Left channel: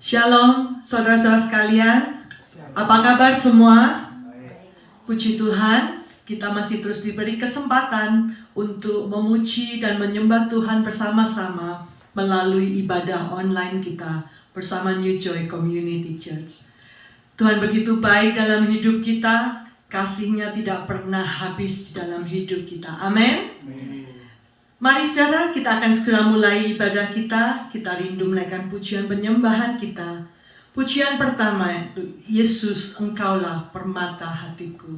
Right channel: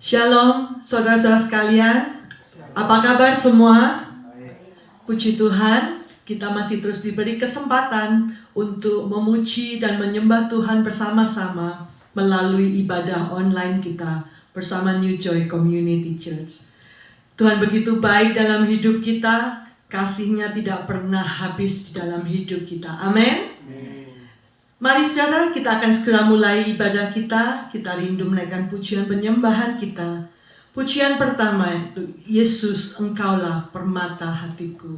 Shalom, saudara-saudara sekalian. Apa kabar semua? Puji Tuhan, kita masih terus diberi kesempatan untuk memuji dan menyembah Tuhan bersama-sama melalui ibadah online kita bersama New Joy Community Church. Tuhan begitu baik dalam hidup kita, kasih-Nya tidak pernah habis di dalam hidup kita. Amin. Mari saudara, kita akan segera mulai ibadah kita. Kita rindu menaikkan pujian penyembahan kita. Pujian pertama itu, Yesus, Engkaulah permata hatiku.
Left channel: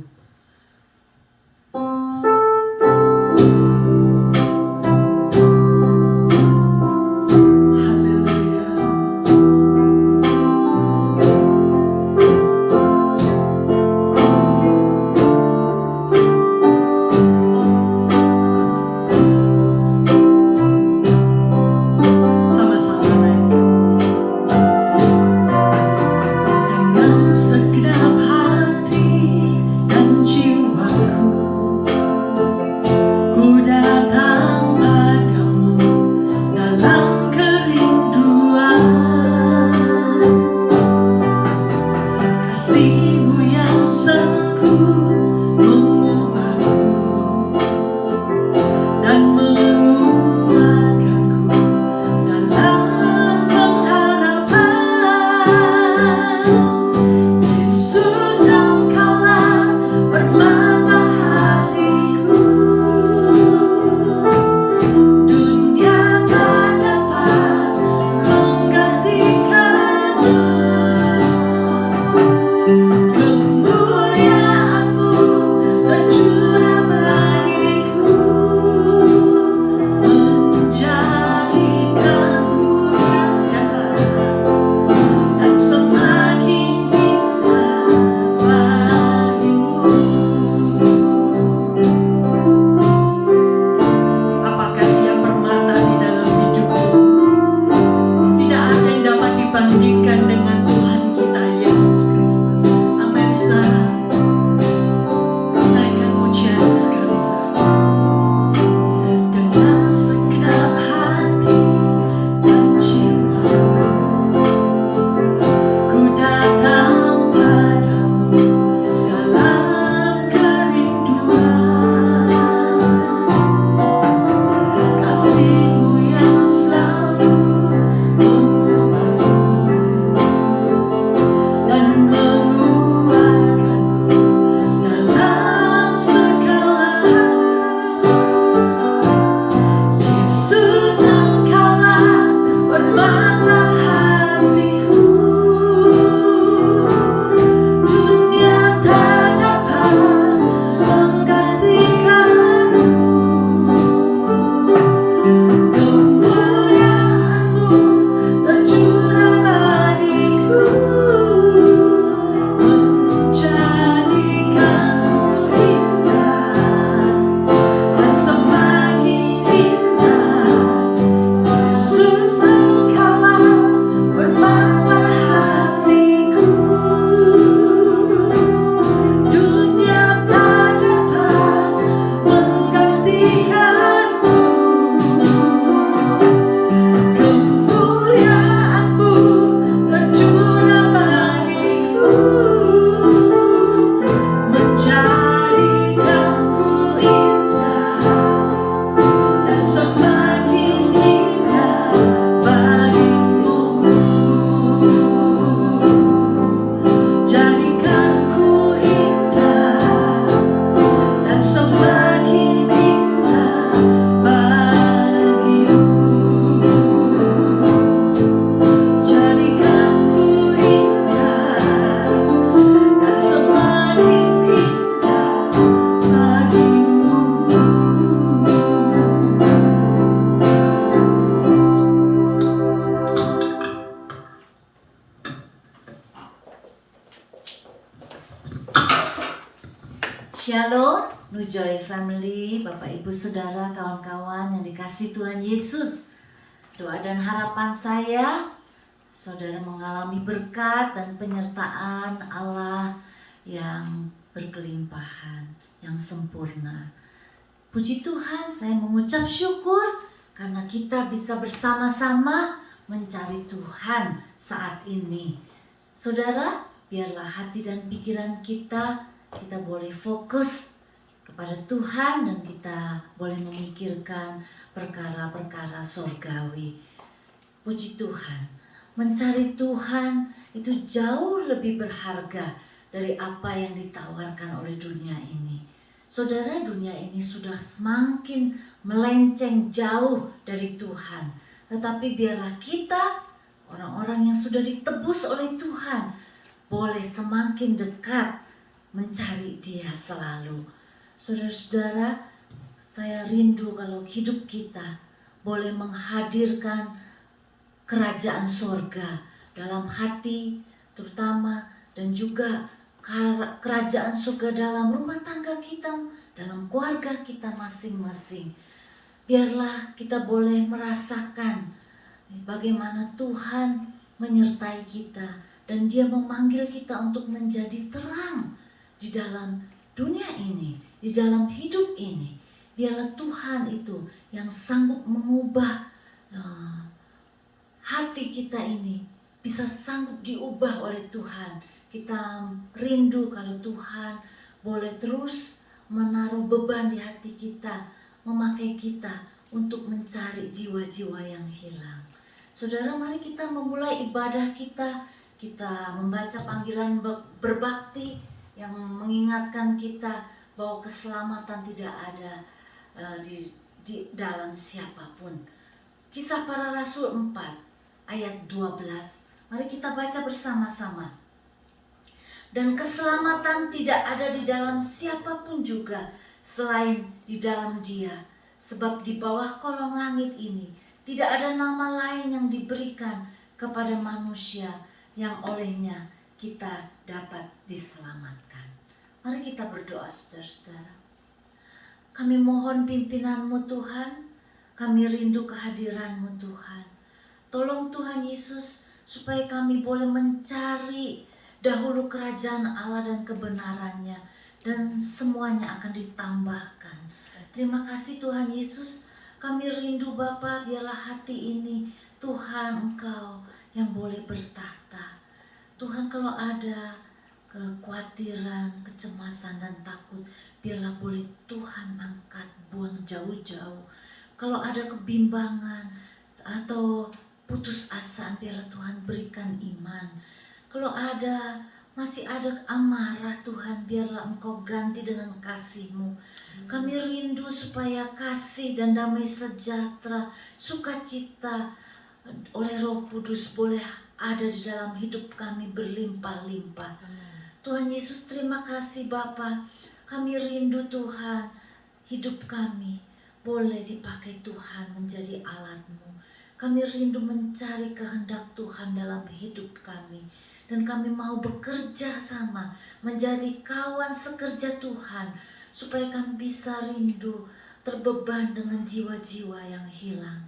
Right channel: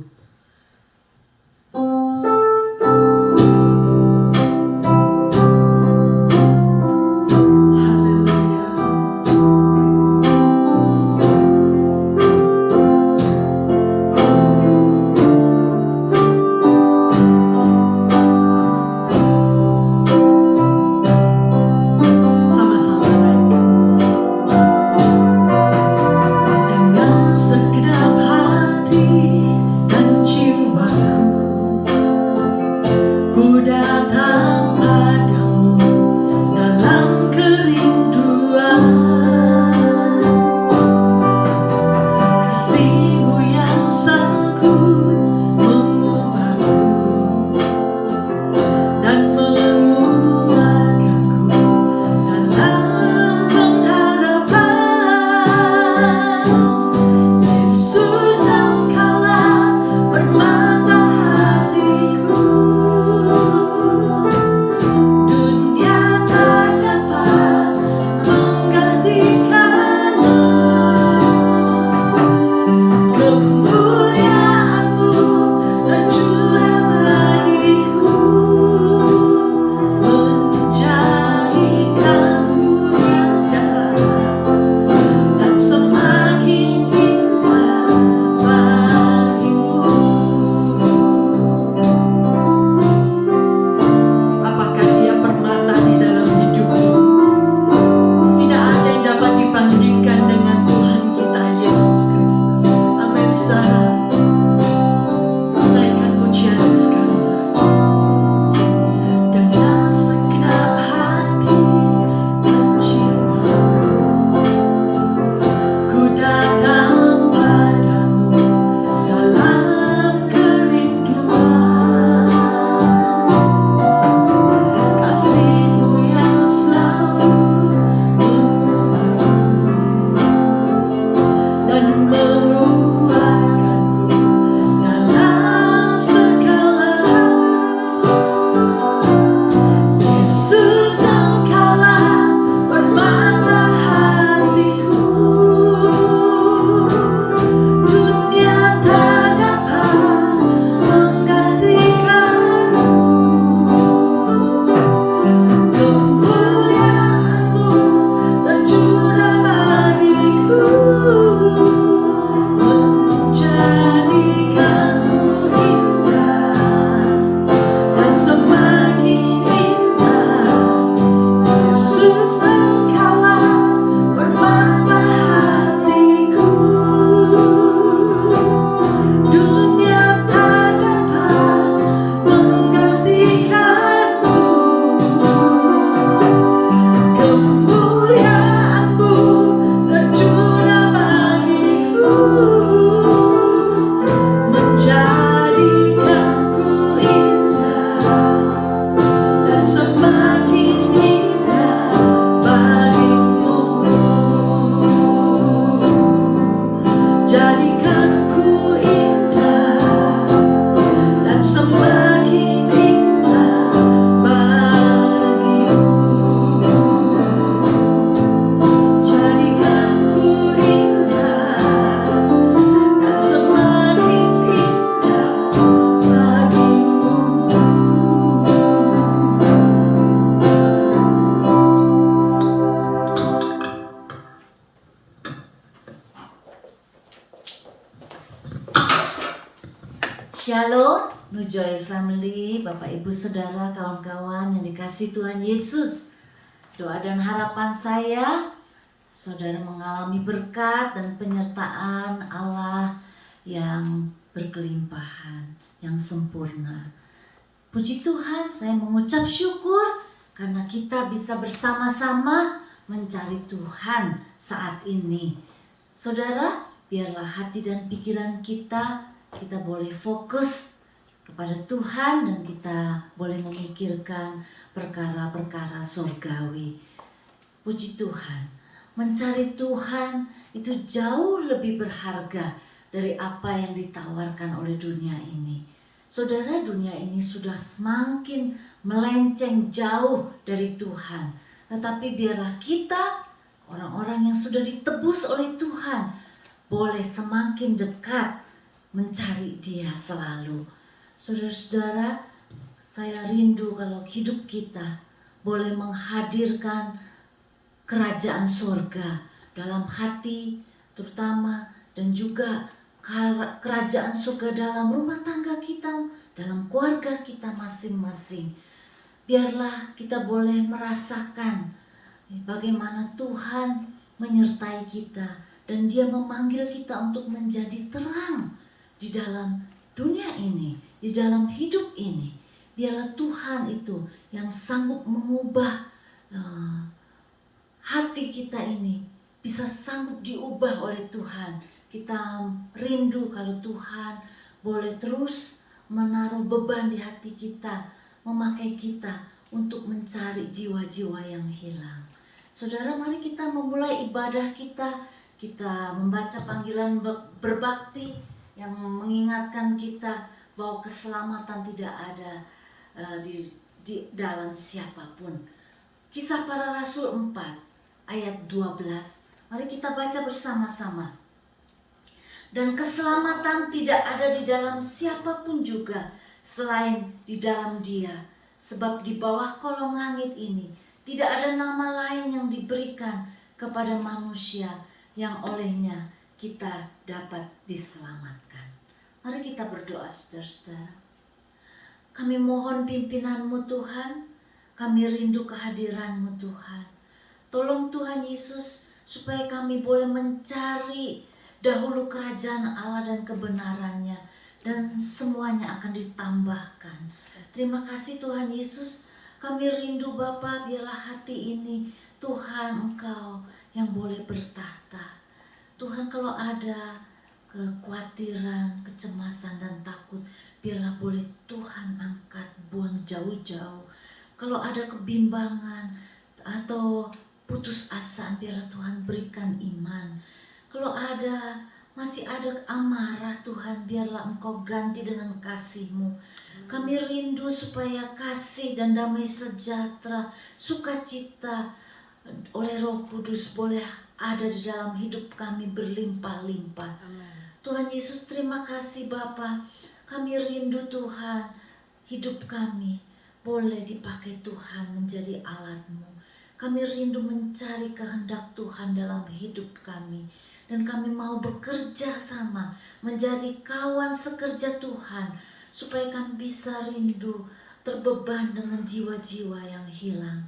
Shalom, New Joy Family, Bapak Ibu Saudara, kawan-kawan yang dikasihi Tuhan Yesus. Doa dan harapan saya, saudara mengalami berkat dan penyertaan Allah yang berkelimpahan, yang sempurna. Puji Tuhan, saya mengucap syukur karena kita bisa bersama-sama mencari Tuhan saat ini. Saudara, biarlah hati dan pikiran kita boleh fokus kepada Tuhan dan kita boleh memikirkan perkara-perkara surgawi. Puji Tuhan, mencari Tuhan itu jauh lebih berharga dari apa yang ditawarkan oleh dunia ini. Saudara, dunia ini sudah semakin melenceng jauh dari Tuhan. Tetapi biarlah kita, orang-orang yang sudah ditebus oleh Tuhan, boleh semakin dekat mencari Dia selalu. Saudara-saudara, saya rindu kalau hidup kita boleh menghadirkan kerajaan surga dalam hati terutama, dan juga kerajaan surga dalam rumah tangga kita, dalam keluarga kita masing-masing. Biarlah kita boleh merasakan bagaimana Tuhan menyertai kita dan Dia memanggil kita untuk menjadi terang di dalam dunia ini, di dalam hidup ini. Biarlah Tuhan itu yang sanggup mengubah hati kita ini, bisa sanggup diubah oleh Tuhan. Kita rindu kalau Tuhan boleh terus menaruh beban di hati kita, memakai kita untuk mencari jiwa-jiwa yang hilang. Saudara, mari kita memulai ibadah kita. Kita membaca panggilan berbakti yang mengingatkan kita bahwa keselamatan tidak ada di dalam siapapun. Kisah Para Rasul 4 ayat 12. Mari kita baca bersama-sama. Dan keselamatan tidak ada di dalam siapapun juga selain di dalam Dia. Sebab di bawah kolong langit ini tidak ada nama lain yang diberikan kepada manusia yang olehnya kita dapat diselamatkan. Mari kita berdoa, saudara-saudara. Kami mohon pimpinan-Mu Tuhan, kami rindu kehadiran-Mu Tuhan. Tolong Tuhan Yesus supaya kami boleh mencari dahulu kerajaan Allah dan kebenarannya, dan semuanya akan ditambahkan. Terima kasih Tuhan Yesus, kami rindu Bapa, biarlah hati ini Tuhan Engkau yang boleh bertahta. Tuhan, kalau ada kekhawatiran, kecemasan dan takut, biarlah boleh Tuhan angkat, buang jauh-jauh. Kalau ada kebimbangan atau putus asa, biarlah Tuhan berikan iman. Kalau masih ada amarah, Tuhan, biarlah Engkau ganti dengan kasih-Mu. Kami rindu supaya kasih dan damai sejahtera, sukacita oleh Roh Kudus boleh ada di dalam hidup kami berlimpah-limpah. Tuhan Yesus, terima kasih Bapa. Kami rindu Tuhan, hidup kami boleh dipakai Tuhan menjadi alat-Mu. Kami rindu mencari kehendak Tuhan dalam hidup kami. Dan kami mau bekerja sama, menjadi kawan sekerja Tuhan, supaya kami bisa rindu, terbeban dengan jiwa-jiwa yang hilang.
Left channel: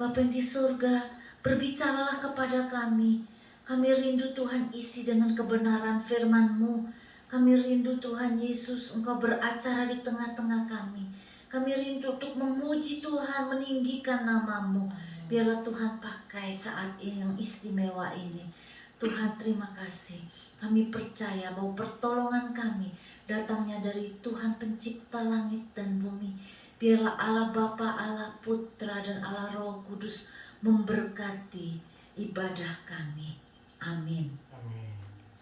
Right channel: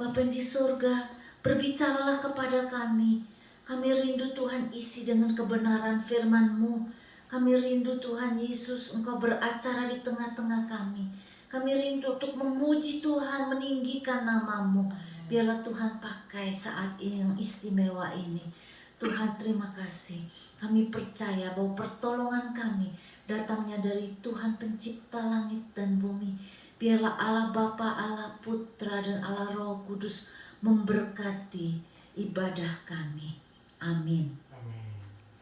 Bapa di surga, berbicaralah kepada kami. Kami rindu Tuhan isi dengan kebenaran firman-Mu. Kami rindu Tuhan Yesus, Engkau beracara di tengah-tengah kami. Kami rindu untuk memuji Tuhan, meninggikan nama-Mu. Biarlah Tuhan pakai saat ini yang istimewa ini. Tuhan, terima kasih. Kami percaya bahwa pertolongan kami datangnya dari Tuhan pencipta langit dan bumi. Biarlah Allah Bapa, Allah Putra, dan Allah Roh Kudus memberkati ibadah kami. Amin.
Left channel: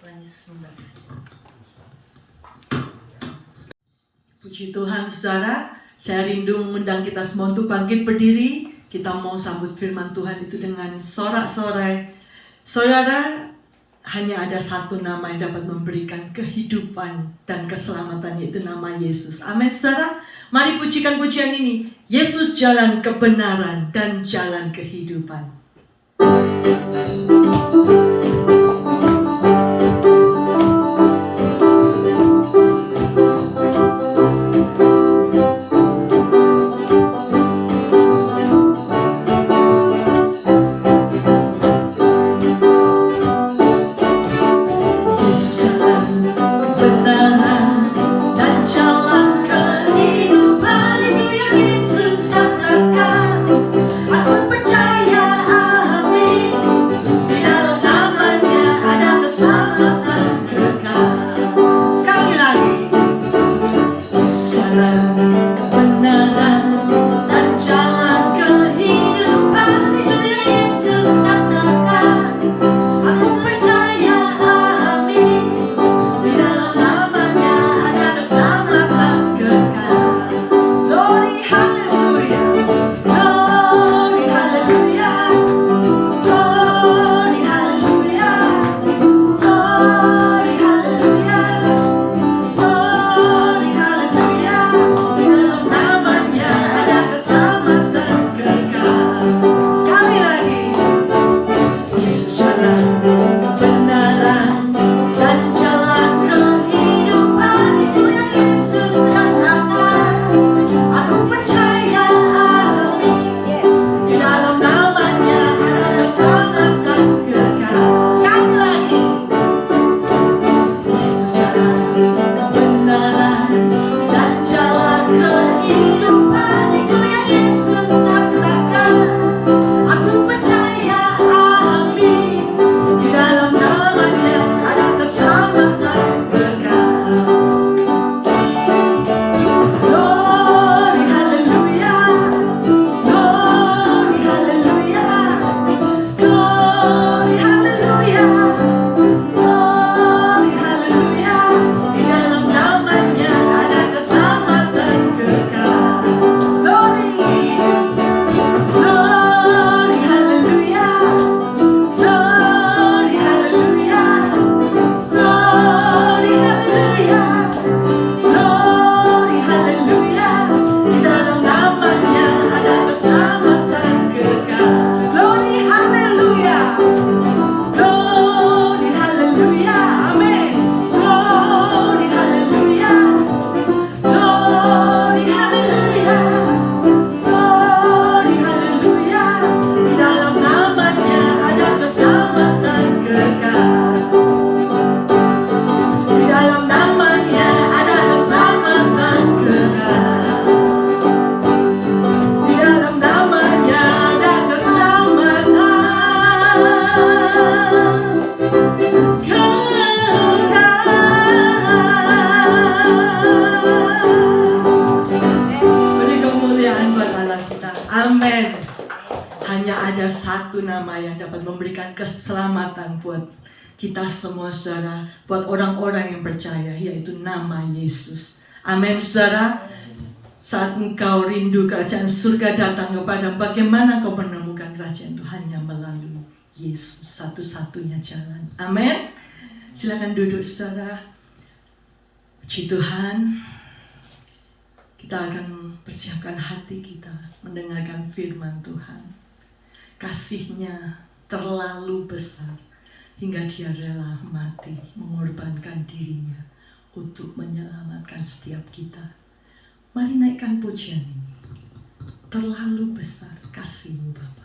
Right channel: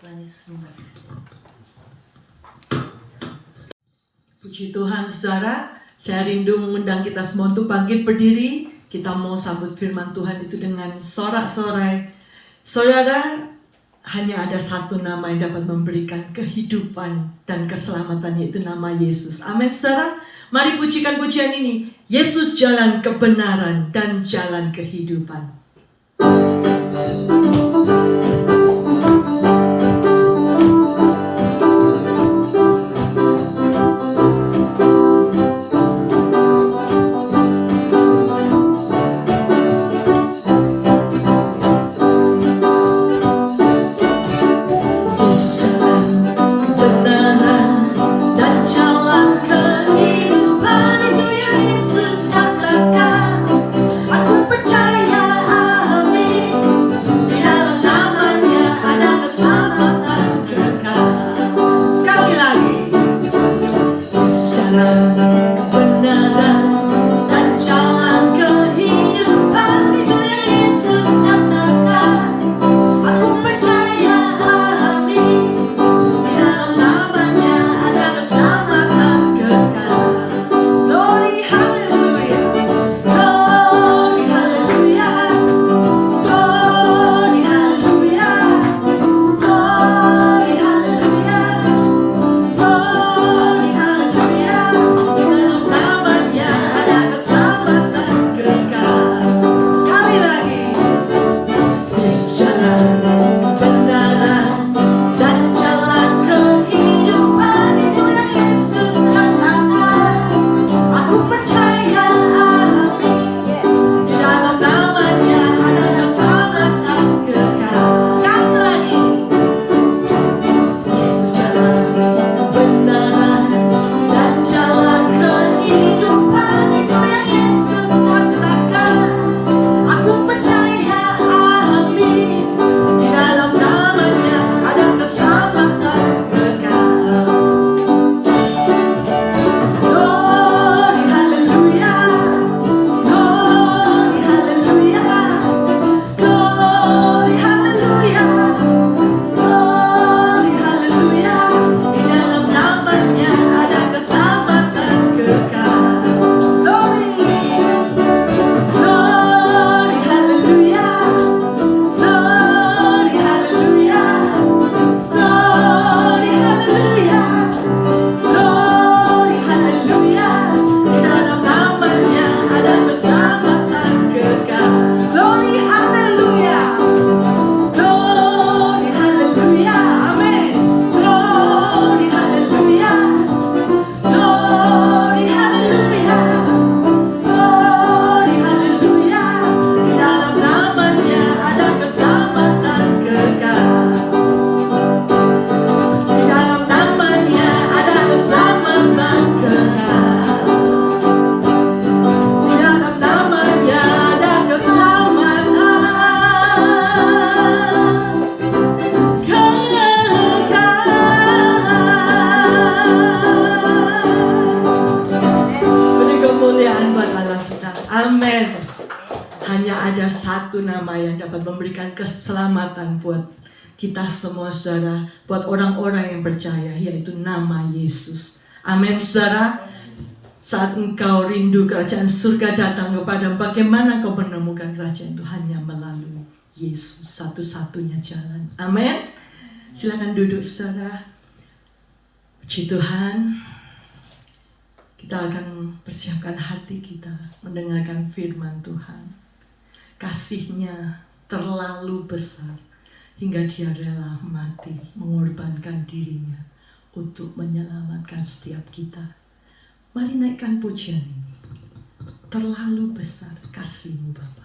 Tuhan Yesus memberkati. Puji Tuhan, saudara. Saya rindu mengundang kita semua untuk bangkit berdiri. Kita mau sambut firman Tuhan itu dengan sorak-sorai. Saudara, hanya ada satu nama yang dapat memberikan kehidupan dan keselamatan, yaitu nama Yesus. Amin, saudara. Mari pujikan pujian ini. Yesus jalan kebenaran dan jalan kehidupan. Aku percaya, amin. memberikan keselamatan buat kita semua saudara, buat orang-orang yang percaya, yaitu nama Yesus. Amin saudara. Saat engkau rindu kerajaan surga datang kepadamu, bagaimana kau menemukan kerajaan itu? Hanya melalui Yesus, satu-satunya jalan. Amin. Silakan duduk saudara. Puji Tuhan. Kita akan persiapkan hati kita mendengarkan firman Tuhan. Kasih-Nya terlalu besar hingga Dia rela mati, mengorbankan dirinya untuk menyelamatkan setiap kita. Mari naikkan pujian ini. Terlalu besar kasih-Mu Bapa.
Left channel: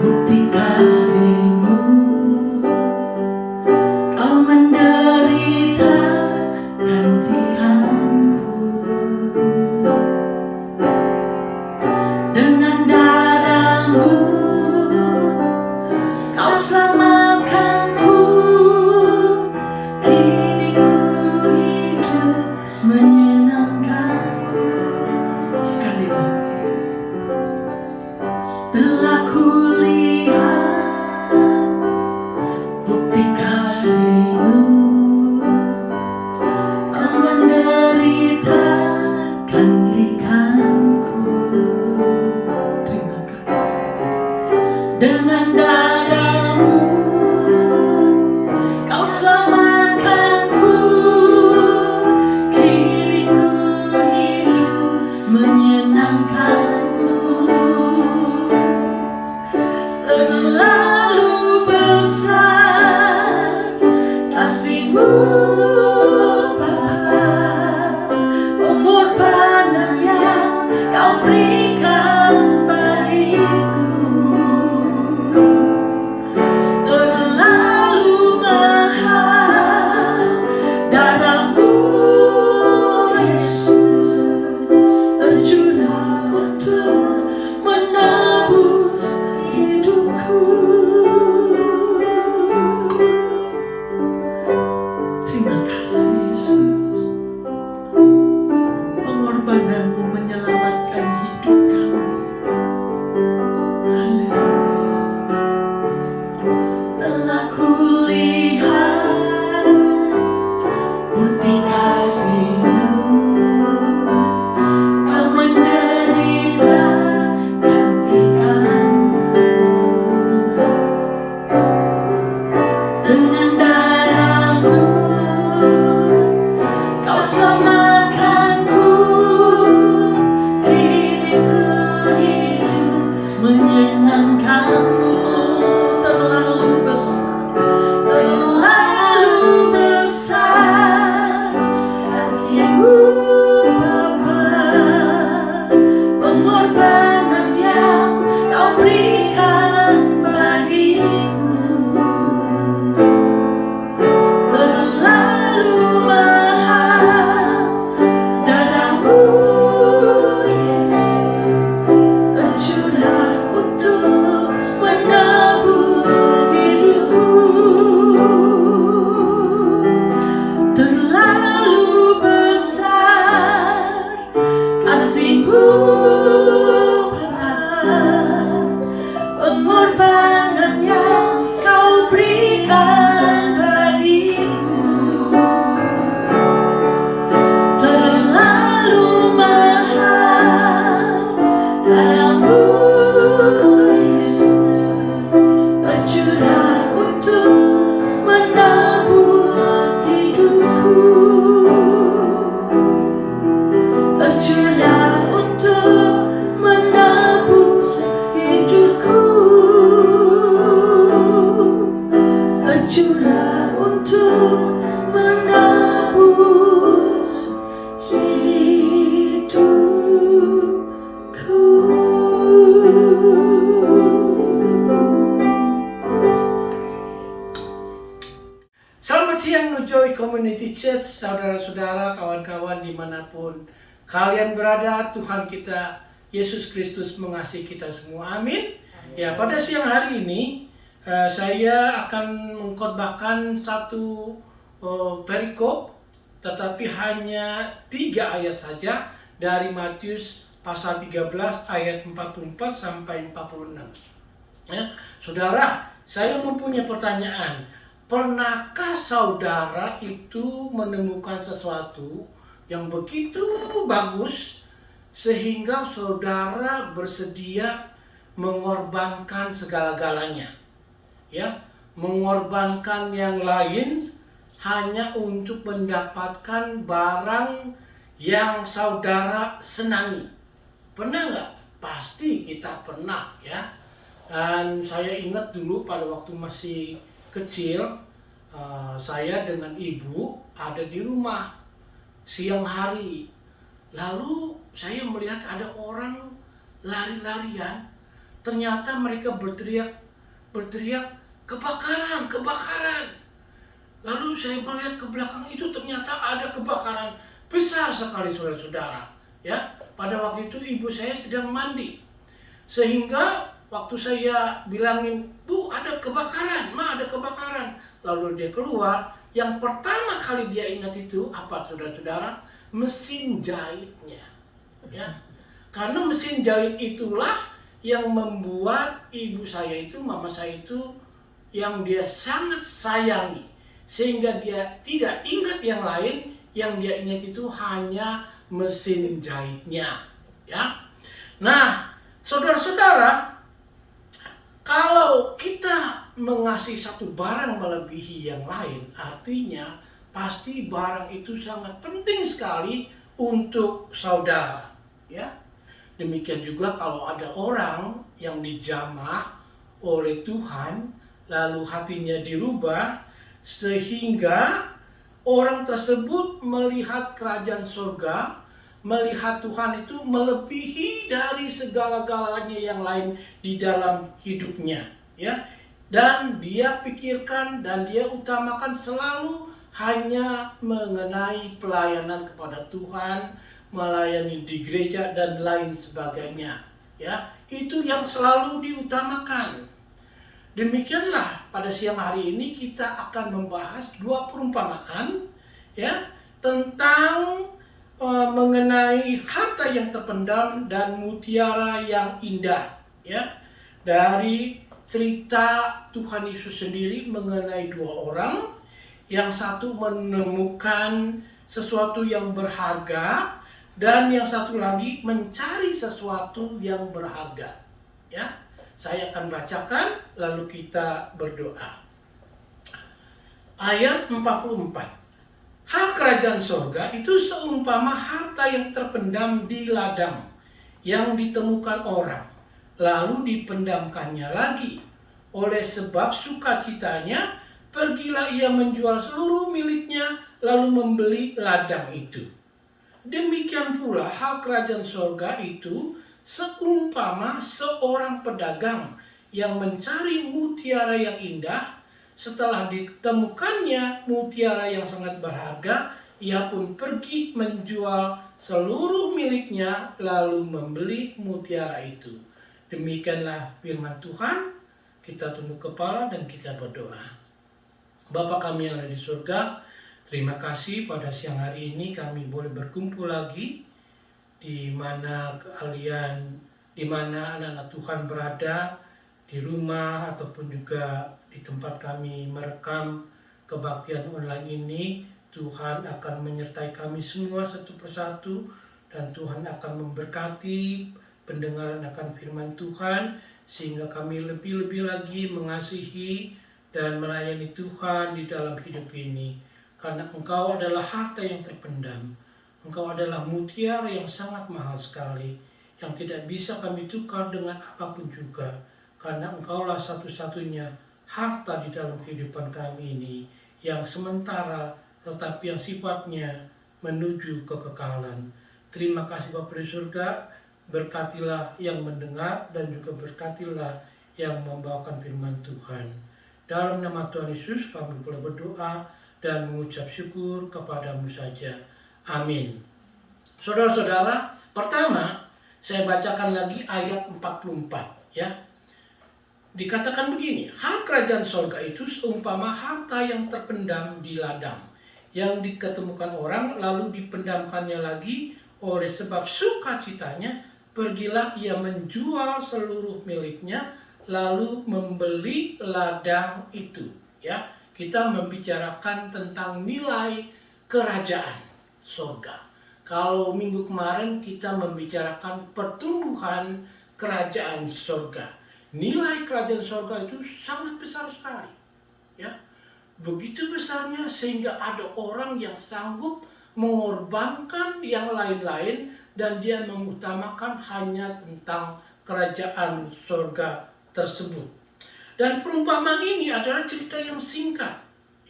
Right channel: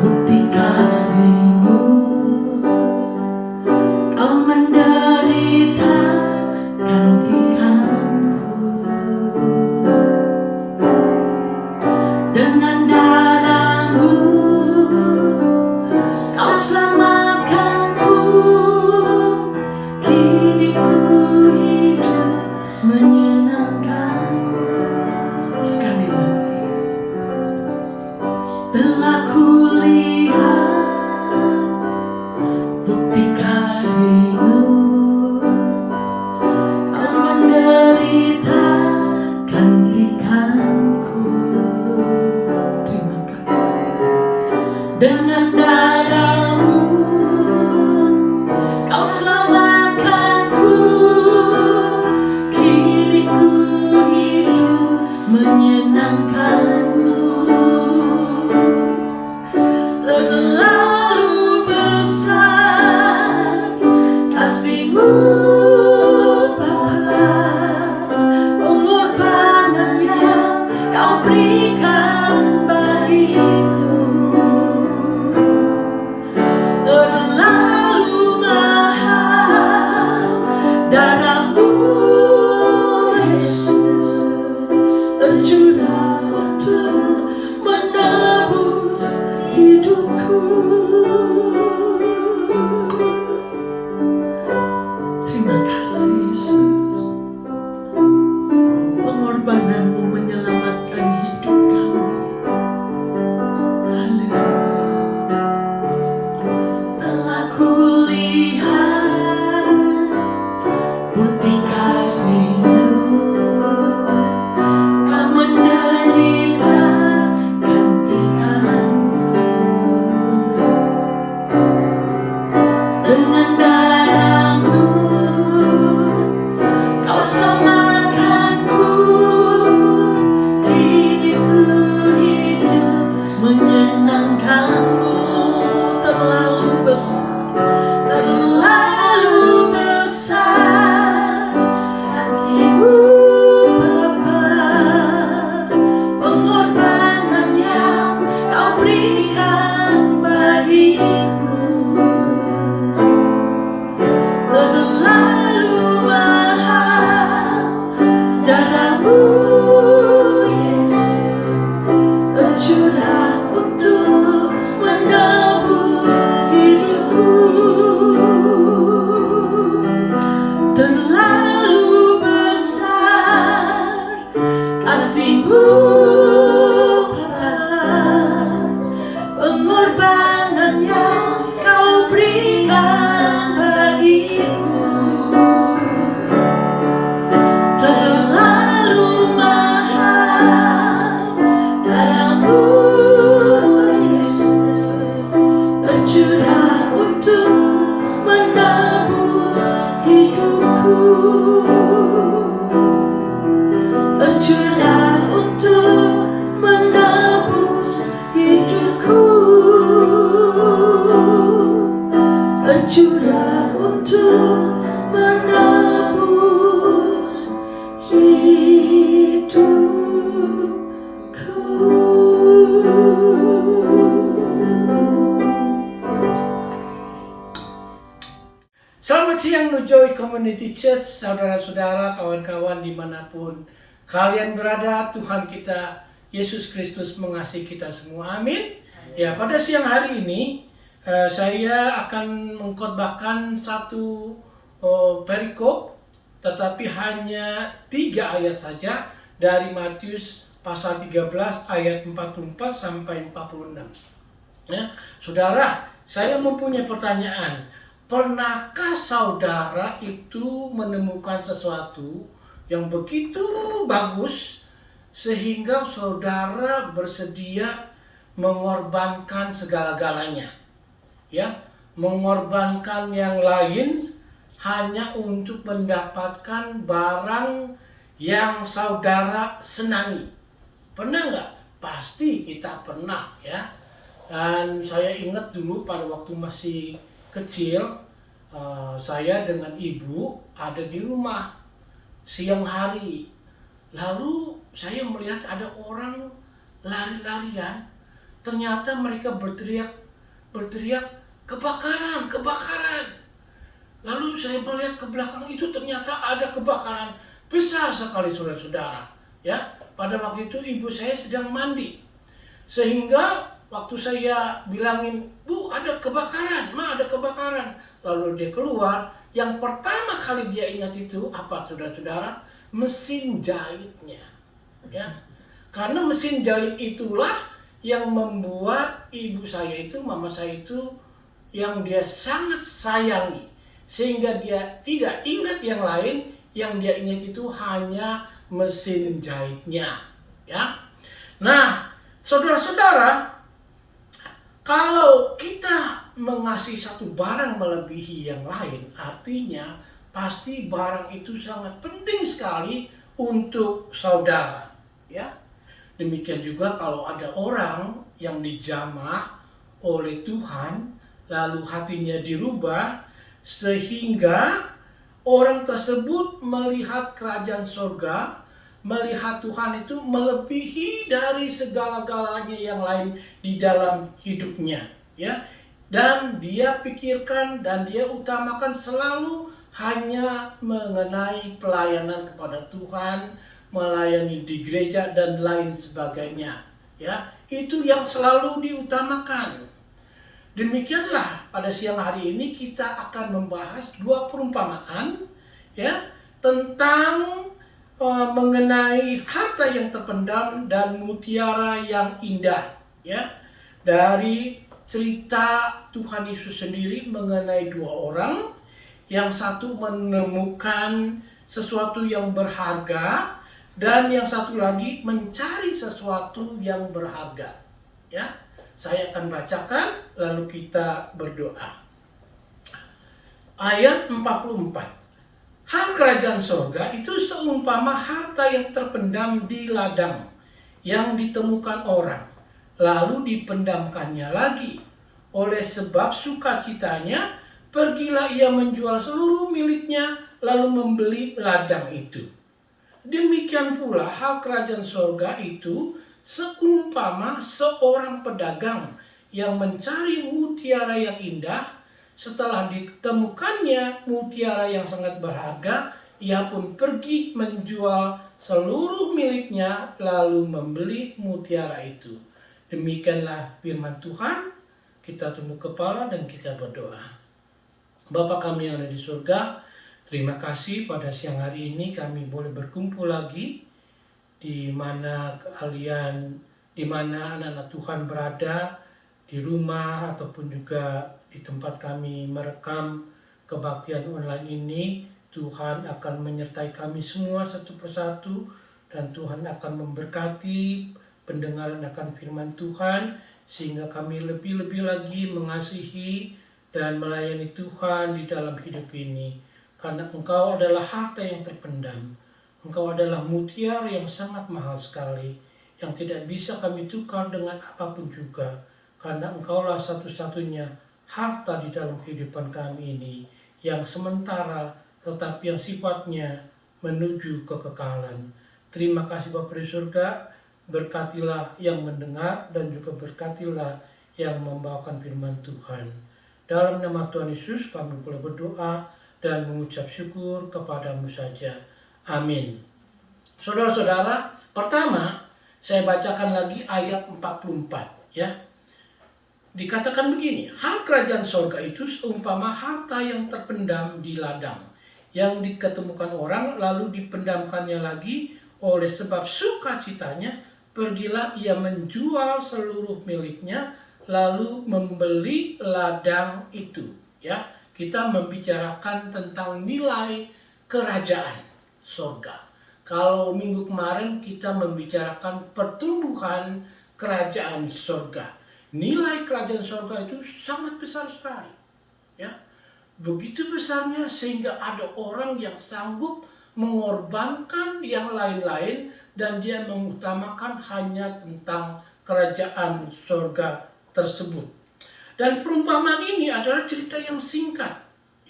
Bukti kasih-Mu, Kau mendengar City Church, saudara-saudara, kawan-kawan dimanapun kalian berada, Tuhan kita Yesus Kristus mengasihi kita semua. Amin. Ya, pada siang hari ini saya akan mengkhotbahkan satu perikop, tetapi hanya 3 ayat saja dari Matius pasal 13 ayat 44 sampai 46. Ya, saudara, saya mempunyai pertanyaan. Pernahkah saudara itu menemukan sesuatu yang begitu bagus sehingga saudara bersedia mengorbankan segala-galanya, ya, mengorbankan yang lain hanya untuk mendapatkan barang yang saudara senangi? Pernah nggak? Pasti kita pernah, ya. Dan saya ingat dulu pada waktu masih kecil, saya dengan ibu ada di rumah siang hari. Lalu saya melihat ada orang lari-larian. Ternyata mereka berteriak, kebakaran, kebakaran. Lalu saya melihat ke belakang itu, ternyata ada kebakaran besar sekali, saudara-saudara. Ya, pada waktu itu ibu saya sedang mandi. Sehingga waktu saya bilangin, "Bu, ada kebakaran, Ma, ada kebakaran." Lalu dia keluar, yang pertama kali dia ingat itu apa, saudara-saudara? Mesin jahitnya. Ya. Karena mesin jahit itulah yang membuat ibu saya itu, mama saya itu, yang dia sangat sayangi. Sehingga dia tidak ingat yang lain, yang dia ingat itu hanya mesin jahitnya. Ya. Nah, saudara-saudara, kalau kita mengasihi satu barang melebihi yang lain, artinya pasti barang itu sangat penting sekali untuk saudara, ya. Demikian juga kalau ada orang yang dijamah oleh Tuhan, lalu hatinya dirubah sehingga orang tersebut melihat kerajaan surga, melihat Tuhan itu melebihi dari segala-galanya yang lain di dalam hidupnya, ya. Dan dia pikirkan dan dia utamakan selalu hanya mengenai pelayanan kepada Tuhan, melayani di gereja dan lain sebagainya, ya. Itu yang selalu diutamakan. Demikianlah pada siang hari ini kita akan membahas 2 perumpamaan, ya, tentang mengenai harta yang terpendam dan mutiara yang indah, ya. Dari cerita Tuhan Yesus sendiri mengenai 2 orang, yang satu menemukan sesuatu yang berharga dan yang satu lagi mencari sesuatu yang berharga, ya. Saya akan bacakan lalu kita berdoa. Ayat 44. Hak kerajaan surga itu seumpama harta yang terpendam di ladang yang ditemukan orang, lalu dipendamkannya lagi. Oleh sebab sukacitanya, pergilah ia menjual seluruh miliknya, lalu membeli ladang itu. Demikian pula hal kerajaan surga itu seumpama seorang pedagang yang mencari mutiara yang indah. Setelah ditemukannya mutiara yang sangat berharga, ia pun pergi menjual seluruh miliknya, lalu membeli mutiara itu. Demikianlah firman Tuhan. Kita tunduk kepala dan kita berdoa. Bapa kami yang ada di surga, terima kasih pada siang hari ini kami boleh berkumpul lagi di mana anak-anak Tuhan berada, di rumah ataupun juga di tempat kami merekam kebaktian online ini. Tuhan akan menyertai kami semua satu persatu, dan Tuhan akan memberkati pendengaran akan firman Tuhan, sehingga kami lebih-lebih lagi mengasihi dan melayani Tuhan di dalam hidup ini. Karena Engkau adalah harta yang terpendam, Engkau adalah mutiara yang sangat mahal sekali, yang tidak bisa kami tukar dengan apapun juga. Karena Engkaulah satu-satunya harta di dalam kehidupan kami ini, yang sementara tetapi yang sifatnya menuju kekekalan. Terima kasih Bapa di surga, berkatilah yang mendengar dan juga berkatilah yang membawakan firman Tuhan. Dalam nama Tuhan Yesus kami boleh berdoa dan mengucap syukur kepadamu saja. Amin. Saudara-saudara, pertama saya bacakan lagi ayat 44 ya. Dikatakan begini, hal kerajaan sorga itu seumpama harta yang terpendam di ladang, yang diketemukan orang lalu dipendamkannya lagi. Oleh sebab sukacitanya, pergilah ia menjual seluruh miliknya, lalu membeli ladang itu. Ya, kita membicarakan tentang nilai kerajaan sorga. Kalau minggu kemarin kita membicarakan pertumbuhan kerajaan sorga. Nilai kerajaan sorga itu sangat besar sekali, ya, begitu besarnya sehingga ada orang yang sanggup mengorbankan yang lain-lain dan dia mengutamakan hanya tentang kerajaan sorga tersebut. Dan perumpamaan ini adalah cerita yang singkat,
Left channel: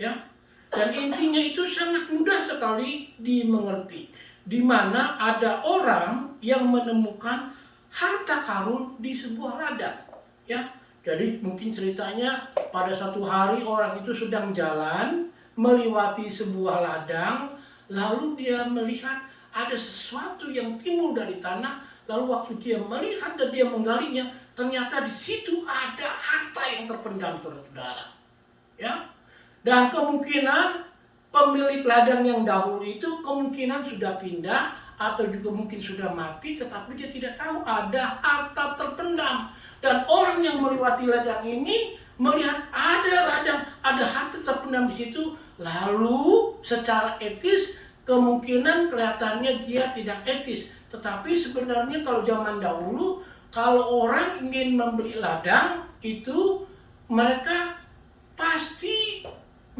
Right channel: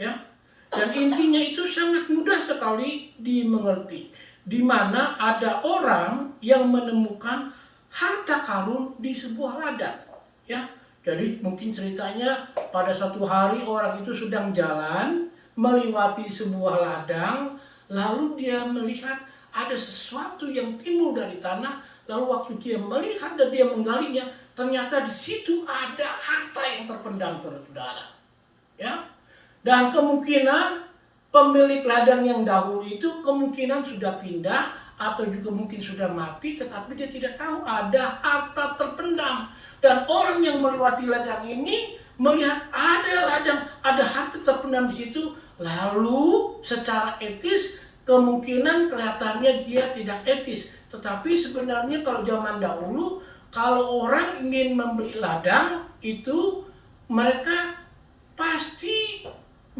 ya, dan intinya itu sangat mudah sekali dimengerti, di mana ada orang yang menemukan harta karun di sebuah ladang. Ya, jadi mungkin ceritanya pada satu hari orang itu sedang jalan melewati sebuah ladang, lalu dia melihat ada sesuatu yang timbul dari tanah, lalu waktu dia melihat dan dia menggalinya, ternyata di situ ada harta yang terpendam, saudara. Ya, dan kemungkinan pemilik ladang yang dahulu itu kemungkinan sudah pindah atau juga mungkin sudah mati, tetapi dia tidak tahu ada harta terpendam. Dan orang yang melewati ladang ini melihat ada ladang, ada harta terpendam di situ, lalu secara etis kemungkinan kelihatannya dia tidak etis. Tetapi sebenarnya kalau zaman dahulu, kalau orang ingin membeli ladang itu mereka pasti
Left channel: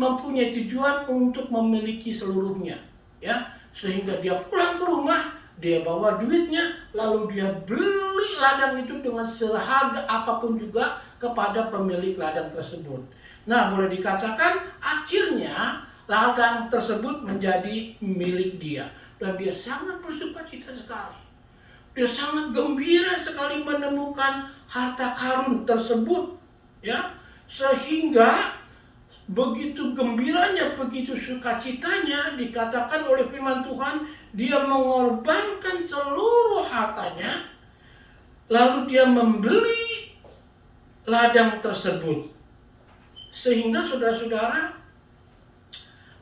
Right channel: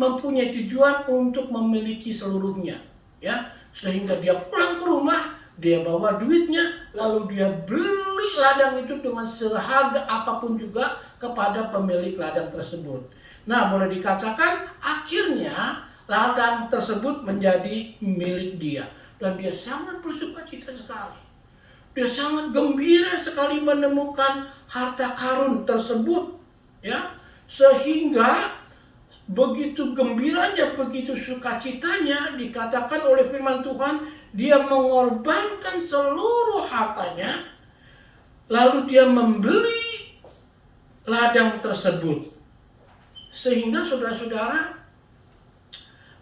mempunyai tujuan untuk memiliki seluruhnya, ya, sehingga dia pulang ke rumah, dia bawa duitnya, lalu dia beli ladang itu dengan seharga apapun juga kepada pemilik ladang tersebut. Nah, boleh dikatakan akhirnya ladang tersebut menjadi milik dia, dan dia sangat bersukacita sekali. Dia sangat gembira sekali menemukan harta karun tersebut, ya, sehingga begitu gembiranya, begitu sukacitanya, dikatakan oleh firman Tuhan, dia mengorbankan seluruh hartanya, lalu dia membeli ladang tersebut. Sehingga saudara-saudara,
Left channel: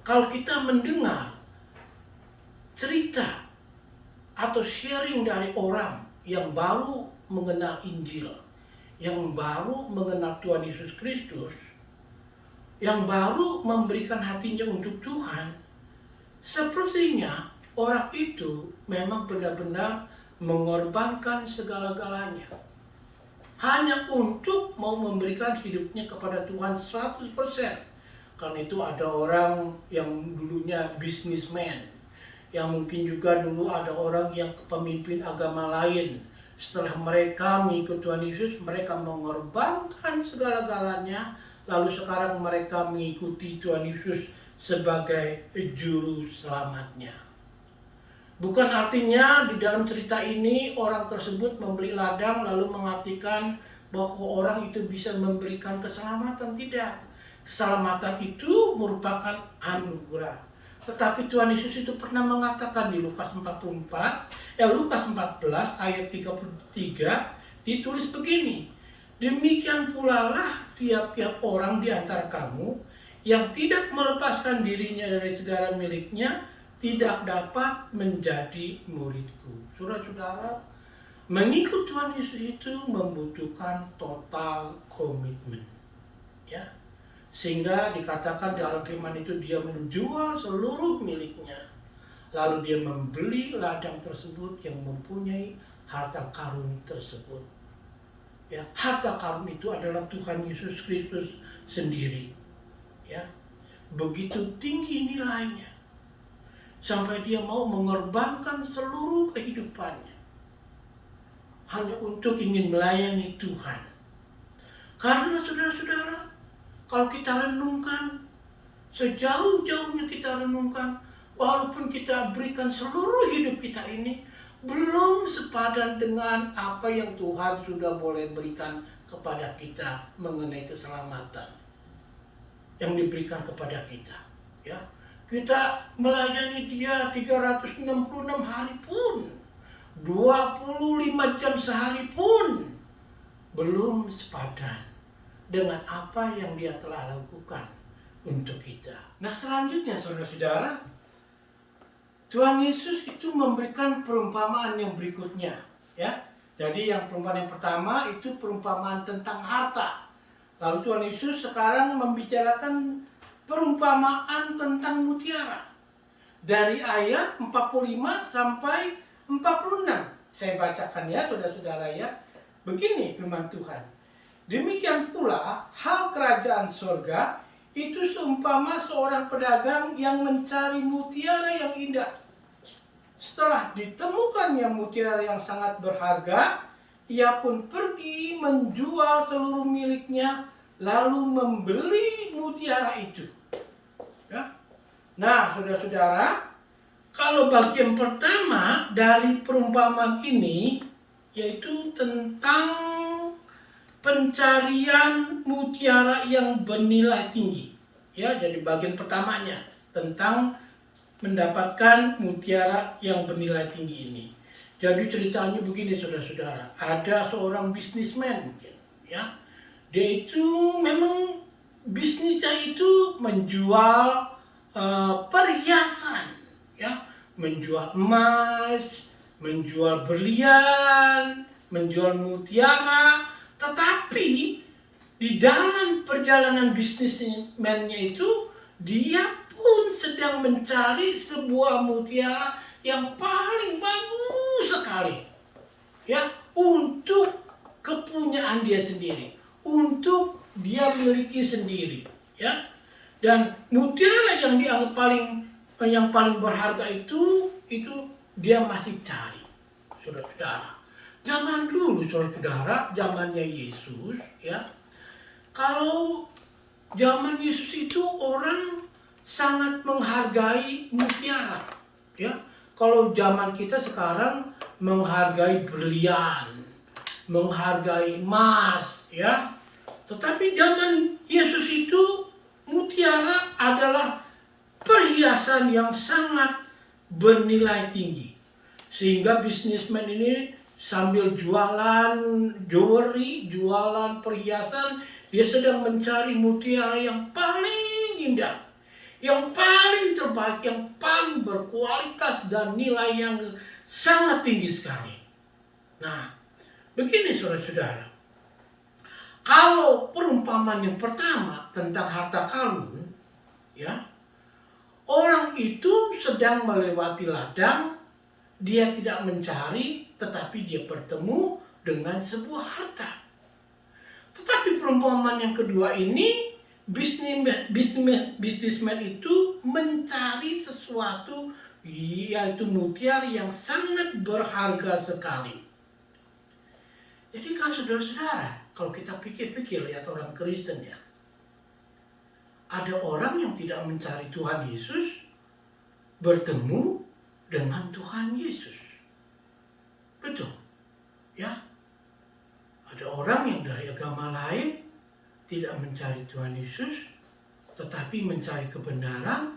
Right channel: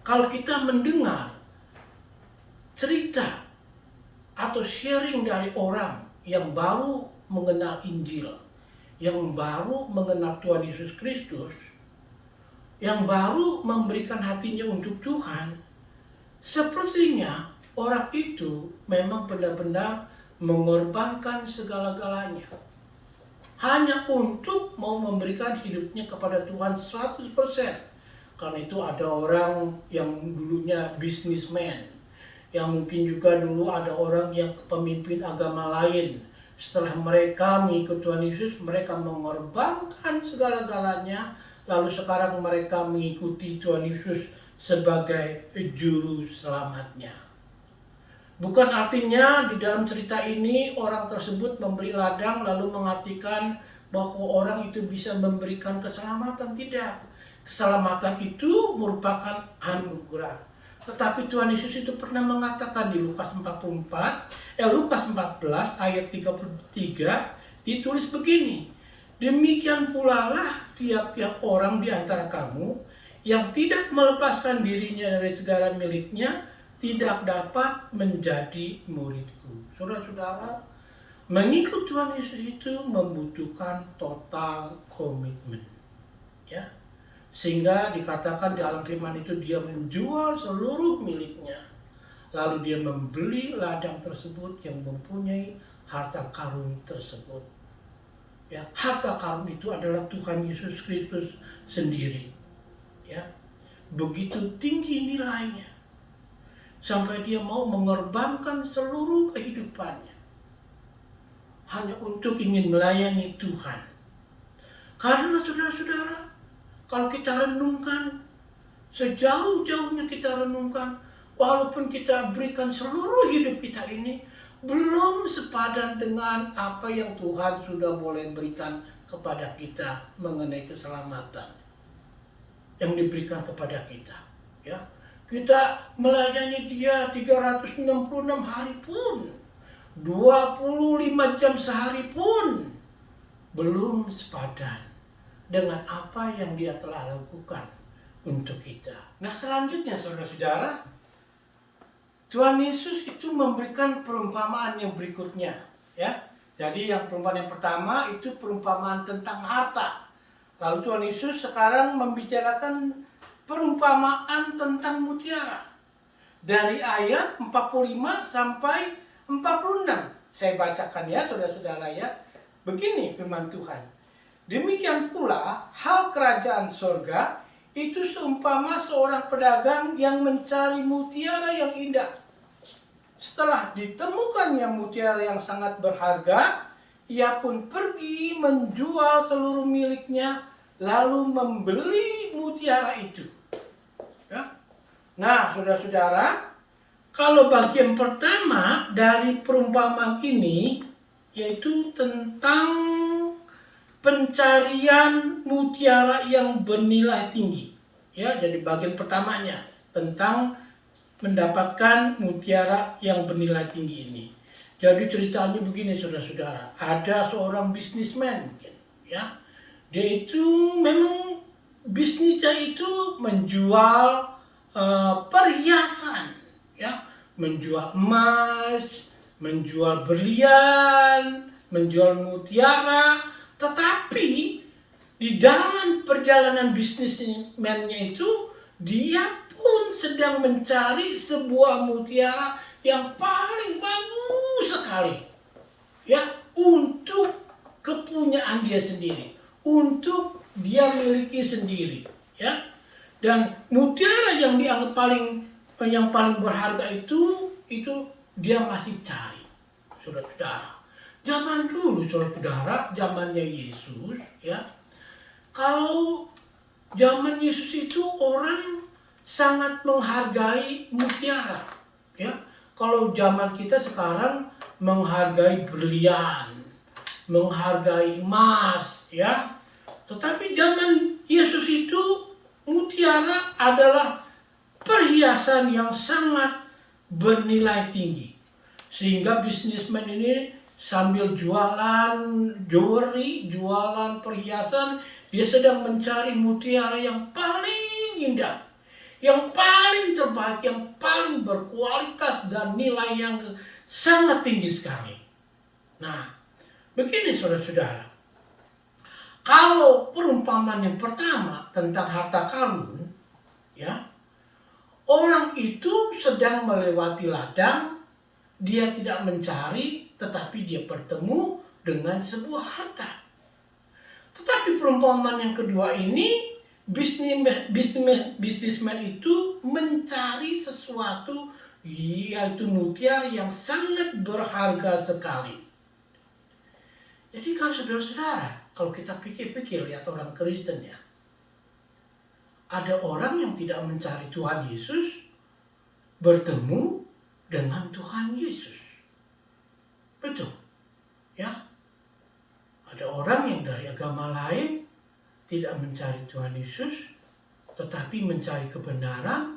kalau kita mendengar cerita atau sharing dari orang yang baru mengenal Injil, yang baru mengenal Tuhan Yesus Kristus, yang baru memberikan hatinya untuk Tuhan, sepertinya orang itu memang benar-benar mengorbankan segala-galanya hanya untuk mau memberikan hidupnya kepada Tuhan 100%. Karena itu ada orang yang dulunya businessman, yang mungkin juga dulu ada orang yang pemimpin agama lain. Setelah mereka mengikut Tuhan Yesus, mereka mengorbankan segala-galanya, lalu sekarang mereka mengikuti Tuhan Yesus sebagai juru selamatnya. Bukan artinya di dalam cerita ini orang tersebut membeli ladang lalu mengartikan bahwa orang itu bisa memberikan keselamatan. Tidak. Keselamatan itu merupakan anugerah. Tetapi Tuhan Yesus itu pernah mengatakan di Lukas 14 ayat 33 ditulis begini. Demikian pula lah tiap-tiap orang di antara kamu yang tidak melepaskan dirinya dari segala miliknya tidak dapat menjadi muridku. Saudara-saudara, mengikut Tuhan Yesus itu membutuhkan total komitmen, ya. Sehingga dikatakan dalam firman itu dia menjual seluruh miliknya, lalu dia membeli ladang tersebut yang mempunyai harta karun tersebut. Ya, harta karun itu adalah Tuhan Yesus Kristus sendiri. Ya, begitu tinggi nilainya sampai dia mau mengorbankan seluruh kehidupannya hanya untuk ingin melayani Tuhan. Karena saudara-saudara, kalau kita renungkan, sejauh-jauhnya kita renungkan, walaupun kita berikan seluruh hidup kita ini, belum sepadan dengan apa yang Tuhan sudah boleh berikan kepada kita mengenai keselamatan yang diberikan kepada kita. Ya, kita melayani dia 366 hari pun, 25 jam sehari pun belum sepadan dengan apa yang dia telah lakukan untuk kita. Nah, selanjutnya saudara-saudara, Tuhan Yesus itu memberikan perumpamaan yang berikutnya, ya. Jadi yang perumpamaan yang pertama itu perumpamaan tentang harta. Lalu Tuhan Yesus sekarang membicarakan perumpamaan tentang mutiara. Dari ayat 45 sampai 46. Saya bacakan ya saudara-saudara ya. Begini firman Tuhan. Demikian pula hal kerajaan sorga itu seumpama seorang pedagang yang mencari mutiara yang indah. Setelah ditemukannya mutiara yang sangat berharga, ia pun pergi menjual seluruh miliknya, lalu membeli mutiara itu. Ya. Nah, saudara-saudara, kalau bagian pertama dari perumpamaan ini, yaitu tentang pencarian mutiara yang bernilai tinggi. Ya, jadi bagian pertamanya tentang mendapatkan mutiara yang bernilai tinggi ini. Jadi ceritanya begini saudara-saudara, ada seorang bisnismen, ya, dia itu memang bisnisnya itu menjual perhiasan, ya, menjual emas, menjual berlian, menjual mutiara, tetapi di dalam perjalanan bisnismennya itu dia pun sedang mencari sebuah mutiara yang paling bagus sekali, ya, untuk kepunyaan dia sendiri, untuk dia miliki sendiri, ya. Dan mutiara yang dianggap yang paling berharga itu dia masih cari, saudara-saudara. Zaman dulu, saudara-saudara, zamannya Yesus, ya. Kalau zaman Yesus itu orang sangat menghargai mutiara, ya. Kalau zaman kita sekarang menghargai berlian, menghargai emas, ya. Tetapi zaman Yesus itu mutiara adalah perhiasan yang sangat bernilai tinggi. Sehingga bisnismen ini sambil jualan jewelry, jualan perhiasan, dia sedang mencari mutiara yang paling indah, yang paling terbaik, yang paling berkualitas dan nilai yang sangat tinggi sekali. Nah, begini saudara-saudara, kalau perumpamaan yang pertama tentang harta karun, ya, orang itu sedang melewati ladang, dia tidak mencari, tetapi dia bertemu dengan sebuah harta. Tetapi perumpamaan yang kedua ini, bisnismen itu mencari sesuatu, yaitu mutiara yang sangat berharga sekali. Jadi kalau saudara-saudara, kalau kita pikir-pikir, lihat orang Kristen ya, ada orang yang tidak mencari Tuhan Yesus, bertemu dengan Tuhan Yesus. Betul, ya. Ada orang yang dari agama lain tidak mencari Tuhan Yesus, tetapi mencari kebenaran,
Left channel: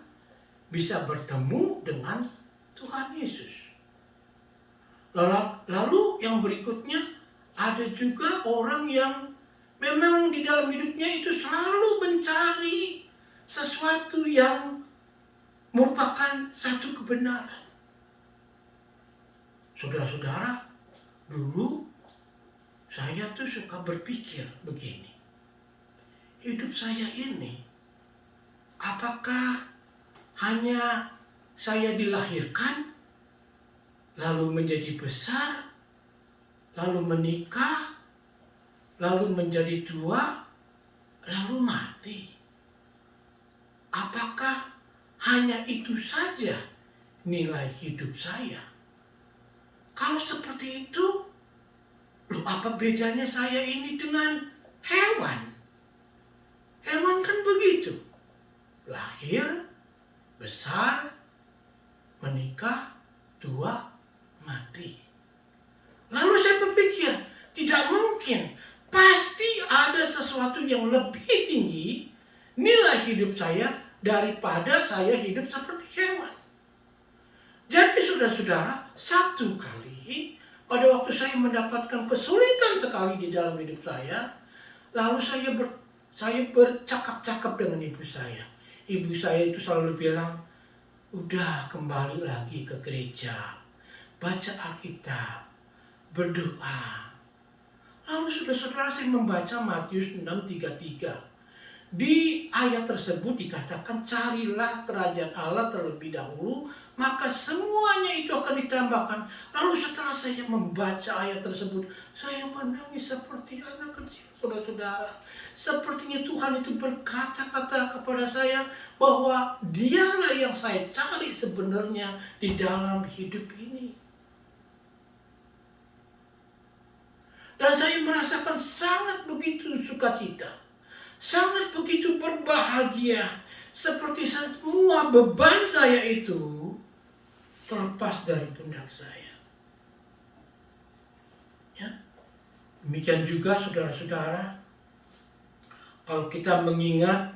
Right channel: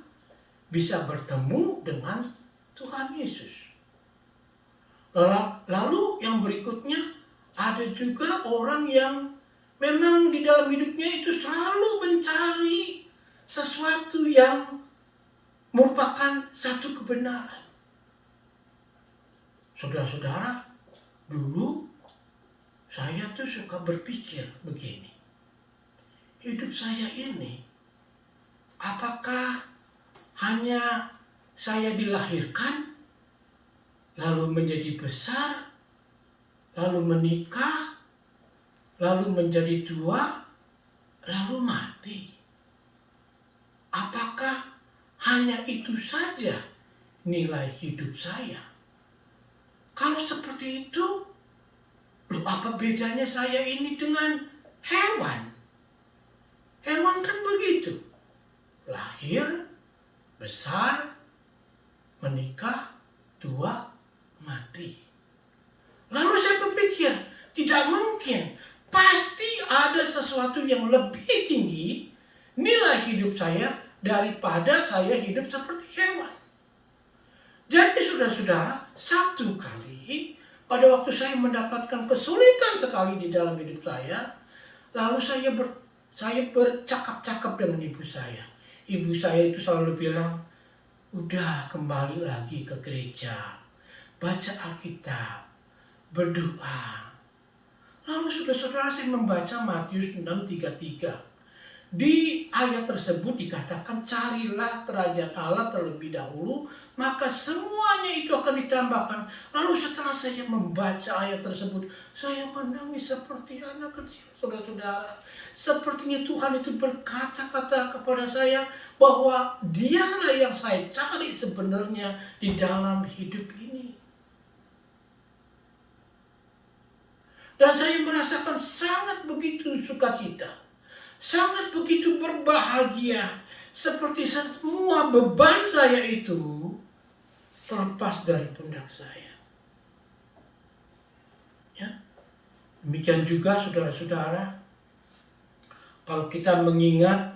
bisa bertemu dengan Tuhan Yesus. Lalu yang berikutnya, ada juga orang yang memang di dalam hidupnya itu selalu mencari sesuatu yang merupakan satu kebenaran. Saudara-saudara, dulu saya tuh suka berpikir begini. Hidup saya ini, apakah hanya saya dilahirkan, lalu menjadi besar, lalu menikah, lalu menjadi tua, lalu mati? Apakah hanya itu saja nilai hidup saya? Kalau seperti itu, loh apa bedanya saya ini dengan hewan? Hewan kan begitu. Lahir, besar, menikah, tua, mati. Lalu saya berpikir, tidak mungkin. Pasti ada sesuatu yang lebih tinggi nilai hidup saya daripada saya hidup seperti hewan. Jadi saudara-saudara, satu kali pada waktu saya mendapatkan kesulitan sekali di dalam hidup saya, lalu saya bercakap-cakap dengan ibu saya. Ibu saya itu selalu bilang, udah kembali lagi ke gereja, baca Alkitab, berdoa. Lalu saudara-saudara, saya membaca Matius 6:33. Di ayat tersebut dikatakan, carilah kerajaan Allah terlebih dahulu, maka semuanya itu akan ditambahkan. Lalu setelah saya membaca ayat tersebut, saya menangis seperti anak kecil, saudara-saudara. Sepertinya Tuhan itu berkata-kata kepada saya bahwa dialah yang saya cari sebenarnya di dalam hidup ini. Dan saya merasakan sangat begitu sukacita, sangat begitu berbahagia, seperti semua beban saya itu terlepas dari pundak saya. Ya. Demikian juga saudara-saudara, kalau kita mengingat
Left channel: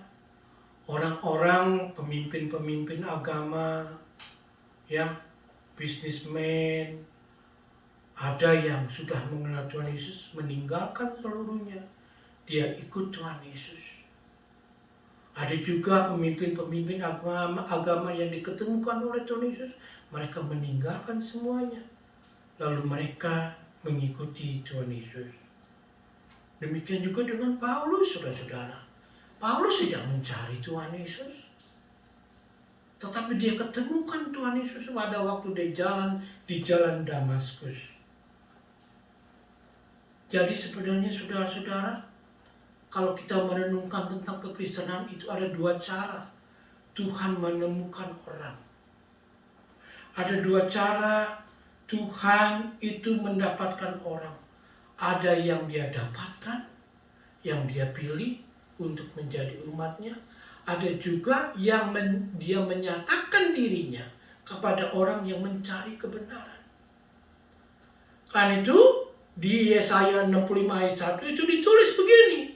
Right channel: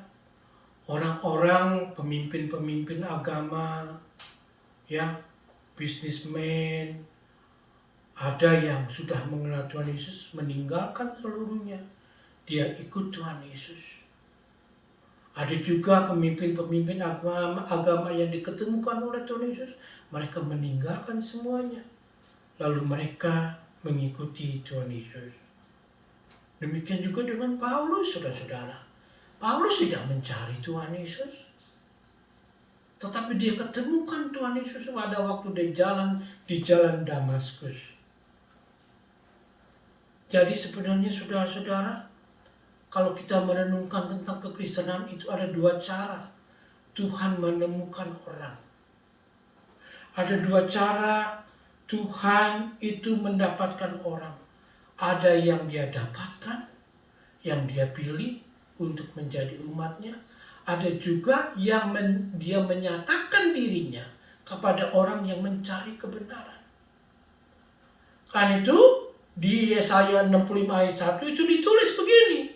orang-orang pemimpin-pemimpin agama, ya, bisnismen, ada yang sudah mengenal Tuhan Yesus, meninggalkan seluruhnya, dia ikut Tuhan Yesus. Ada juga pemimpin-pemimpin agama yang diketemukan oleh Tuhan Yesus, mereka meninggalkan semuanya, lalu mereka mengikuti Tuhan Yesus. Demikian juga dengan Paulus, saudara-saudara. Paulus tidak mencari Tuhan Yesus, tetapi dia ketemukan Tuhan Yesus pada waktu di jalan Damaskus. Jadi sebenarnya saudara-saudara, kalau kita merenungkan tentang kekristenan itu ada dua cara Tuhan menemukan orang. Ada dua cara Tuhan itu mendapatkan orang. Ada yang dia dapatkan, yang dia pilih untuk menjadi umatnya. Ada juga yang dia menyatakan dirinya kepada orang yang mencari kebenaran. Karena itu di Yesaya 65 ayat 1 itu ditulis begini.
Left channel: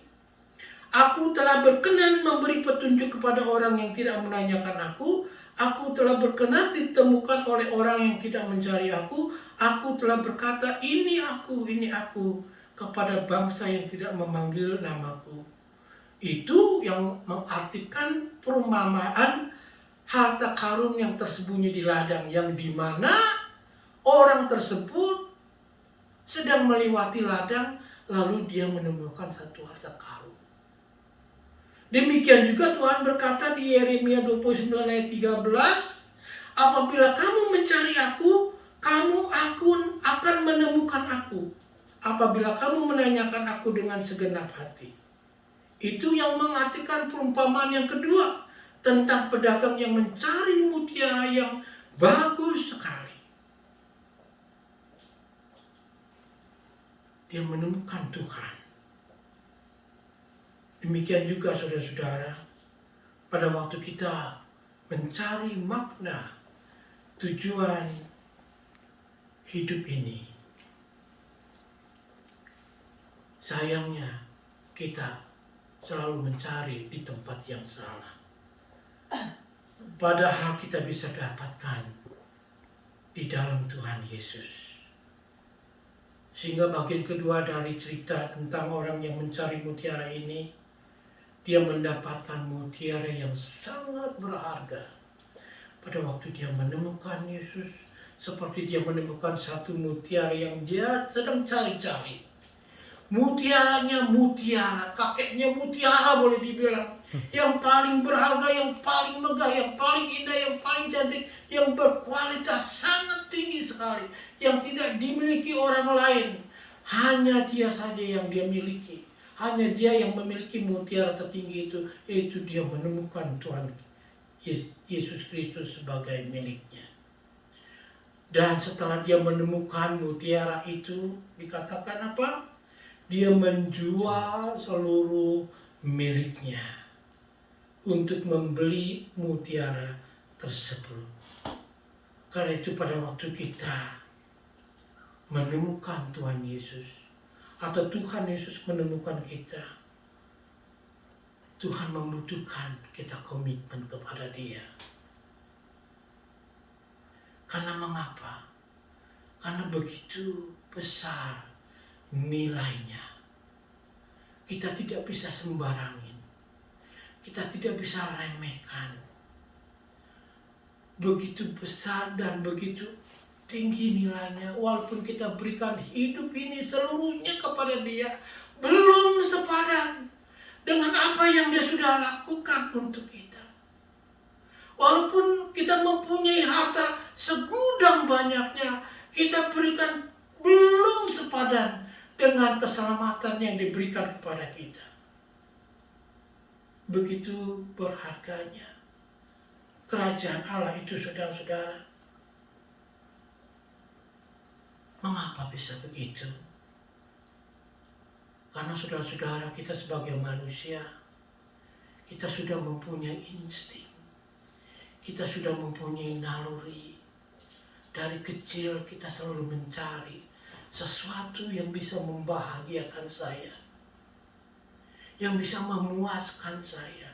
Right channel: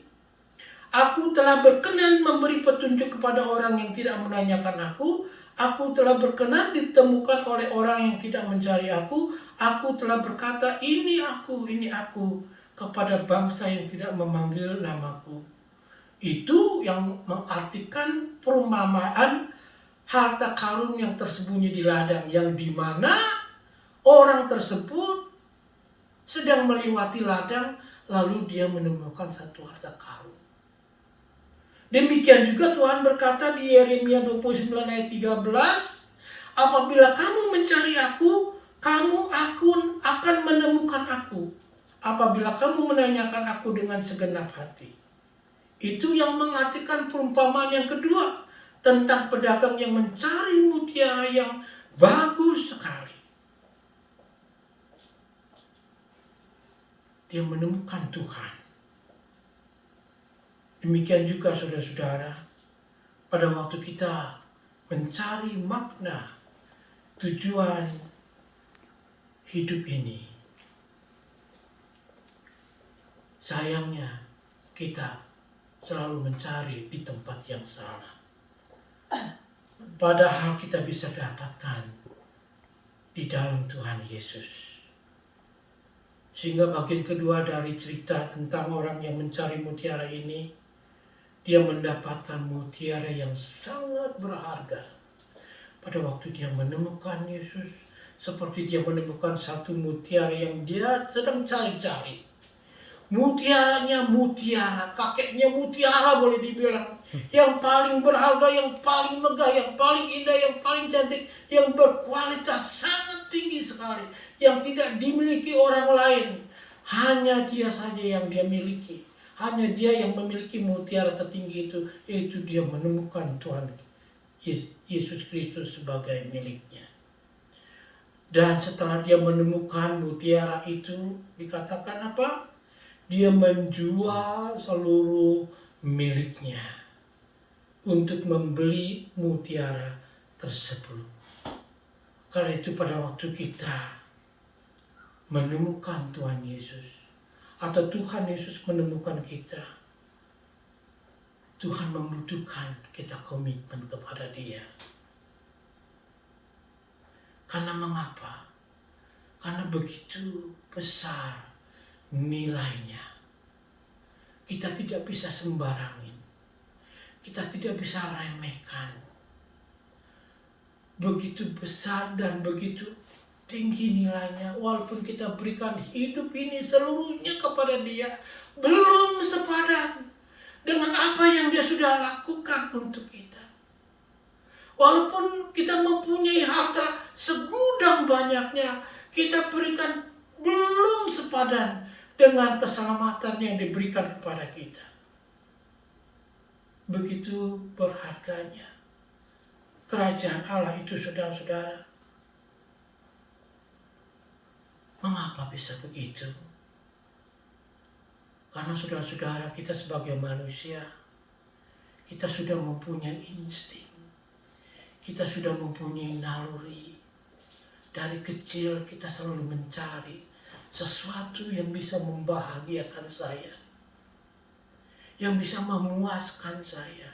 Aku telah berkenan memberi petunjuk kepada orang yang tidak menanyakan aku. Aku telah berkenan ditemukan oleh orang yang tidak mencari aku. Aku telah berkata, ini aku kepada bangsa yang tidak memanggil namaku. Itu yang mengartikan perumpamaan harta karun yang tersembunyi di ladang, yang dimana orang tersebut sedang melewati ladang, lalu dia menemukan satu harta karun. Demikian juga Tuhan berkata di Yeremia 29 ayat 13, apabila kamu mencari aku, kamu akan menemukan aku. Apabila kamu menanyakan aku dengan segenap hati. Itu yang mengartikan perumpamaan yang kedua, tentang pedagang yang mencari mutiara yang bagus sekali. Dia menemukan Tuhan. Demikian juga saudara-saudara, pada waktu kita mencari makna tujuan hidup ini, sayangnya kita selalu mencari di tempat yang salah. Padahal kita bisa dapatkan di dalam Tuhan Yesus. Sehingga bagian kedua dari cerita tentang orang yang mencari mutiara ini, dia mendapatkan mutiara yang sangat berharga. Pada waktu dia menemukan Yesus, seperti dia menemukan satu mutiara yang dia sedang cari-cari. Mutiaranya mutiara, kakeknya mutiara boleh dibilang. Yang paling berharga, yang paling megah, yang paling indah, yang paling cantik, yang berkualitas sangat tinggi sekali. Yang tidak dimiliki orang lain. Hanya dia saja yang dia miliki. Hanya dia yang memiliki mutiara tertinggi itu. Yaitu dia menemukan Tuhan Yesus Kristus sebagai miliknya. Dan setelah dia menemukan mutiara itu, dikatakan apa? Dia menjual seluruh miliknya untuk membeli mutiara tersebut. Karena itu pada waktu kita menemukan Tuhan Yesus, atau Tuhan Yesus menemukan kita, Tuhan membutuhkan kita komitmen kepada Dia. Karena mengapa? Karena begitu besar nilainya. Kita tidak bisa sembarangin. Kita tidak bisa remehkan. Begitu besar dan begitu tinggi nilainya. Walaupun kita berikan hidup ini seluruhnya kepada Dia, belum sepadan dengan apa yang Dia sudah lakukan untuk kita. Walaupun kita mempunyai harta segudang banyaknya, kita berikan belum sepadan dengan keselamatan yang diberikan kepada kita. Begitu berharganya kerajaan Allah itu, saudara-saudara. Mengapa bisa begitu? Karena saudara-saudara, kita sebagai manusia, kita sudah mempunyai insting. Kita sudah mempunyai naluri. Dari kecil kita selalu mencari sesuatu yang bisa membahagiakan saya, yang bisa memuaskan saya.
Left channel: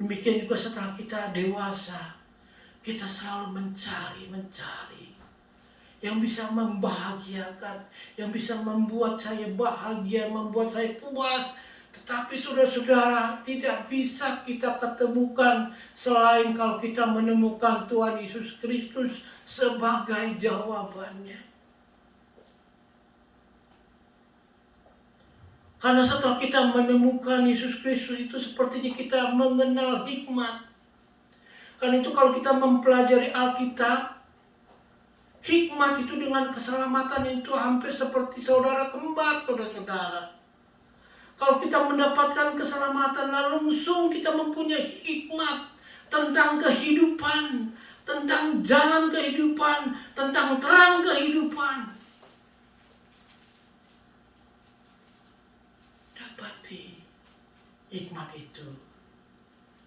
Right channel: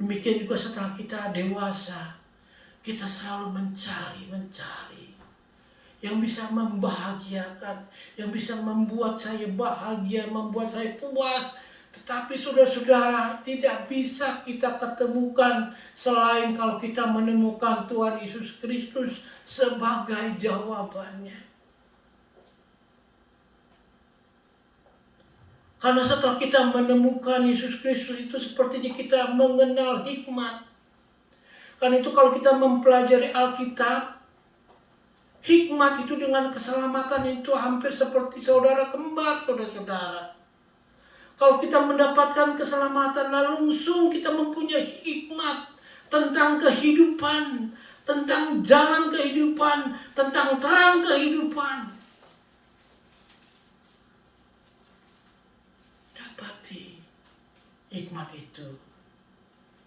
Demikian juga setelah kita dewasa, kita selalu mencari yang bisa membahagiakan, yang bisa membuat saya bahagia, membuat saya puas. Tetapi saudara-saudara, tidak bisa kita ketemukan selain kalau kita menemukan Tuhan Yesus Kristus sebagai jawabannya. Karena setelah kita menemukan Yesus Kristus itu, sepertinya kita mengenal hikmat. Karena itu kalau kita mempelajari Alkitab, hikmat itu dengan keselamatan itu hampir seperti saudara kembar, saudara-saudara. Kalau kita mendapatkan keselamatan, langsung kita mempunyai hikmat tentang kehidupan, tentang jalan kehidupan, tentang terang kehidupan. Dapati hikmat itu,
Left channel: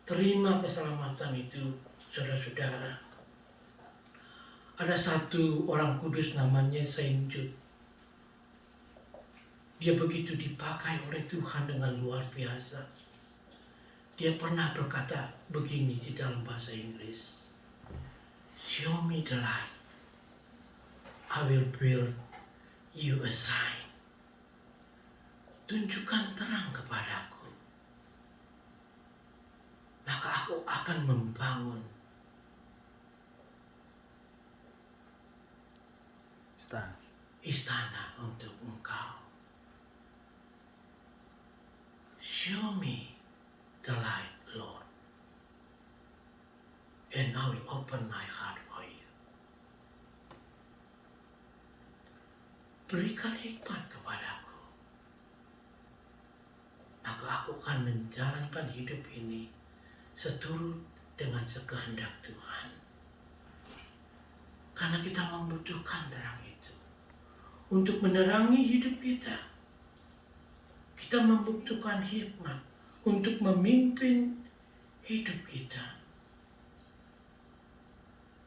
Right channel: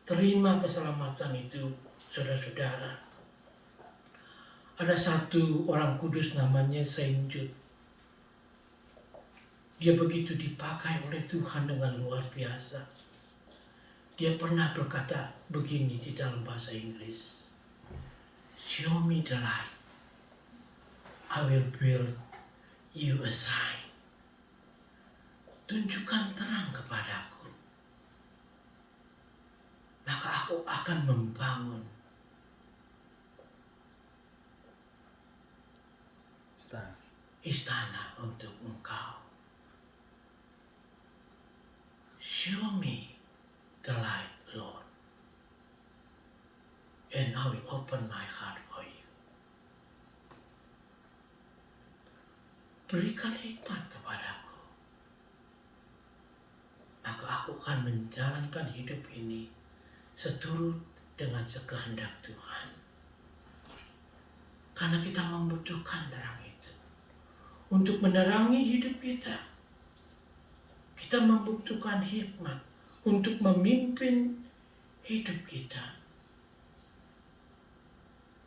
terima keselamatan itu, saudara-saudara. Ada satu orang kudus namanya Saint Jude. Dia begitu dipakai oleh Tuhan dengan luar biasa. Dia pernah berkata begini di dalam bahasa Inggris. Show me the light. I will build you a sign. Tunjukkan terang kepadaku. Maka aku akan membangun istana untuk engkau. Show me the light, Lord, and I will open my heart for you. Berikan hikmat kepadaku, maka aku akan menjalankan hidup ini seturut dengan sekehendak Tuhan. Karena kita membutuhkan terang itu untuk menerangi hidup kita. Kita membutuhkan hikmat untuk memimpin hidup kita.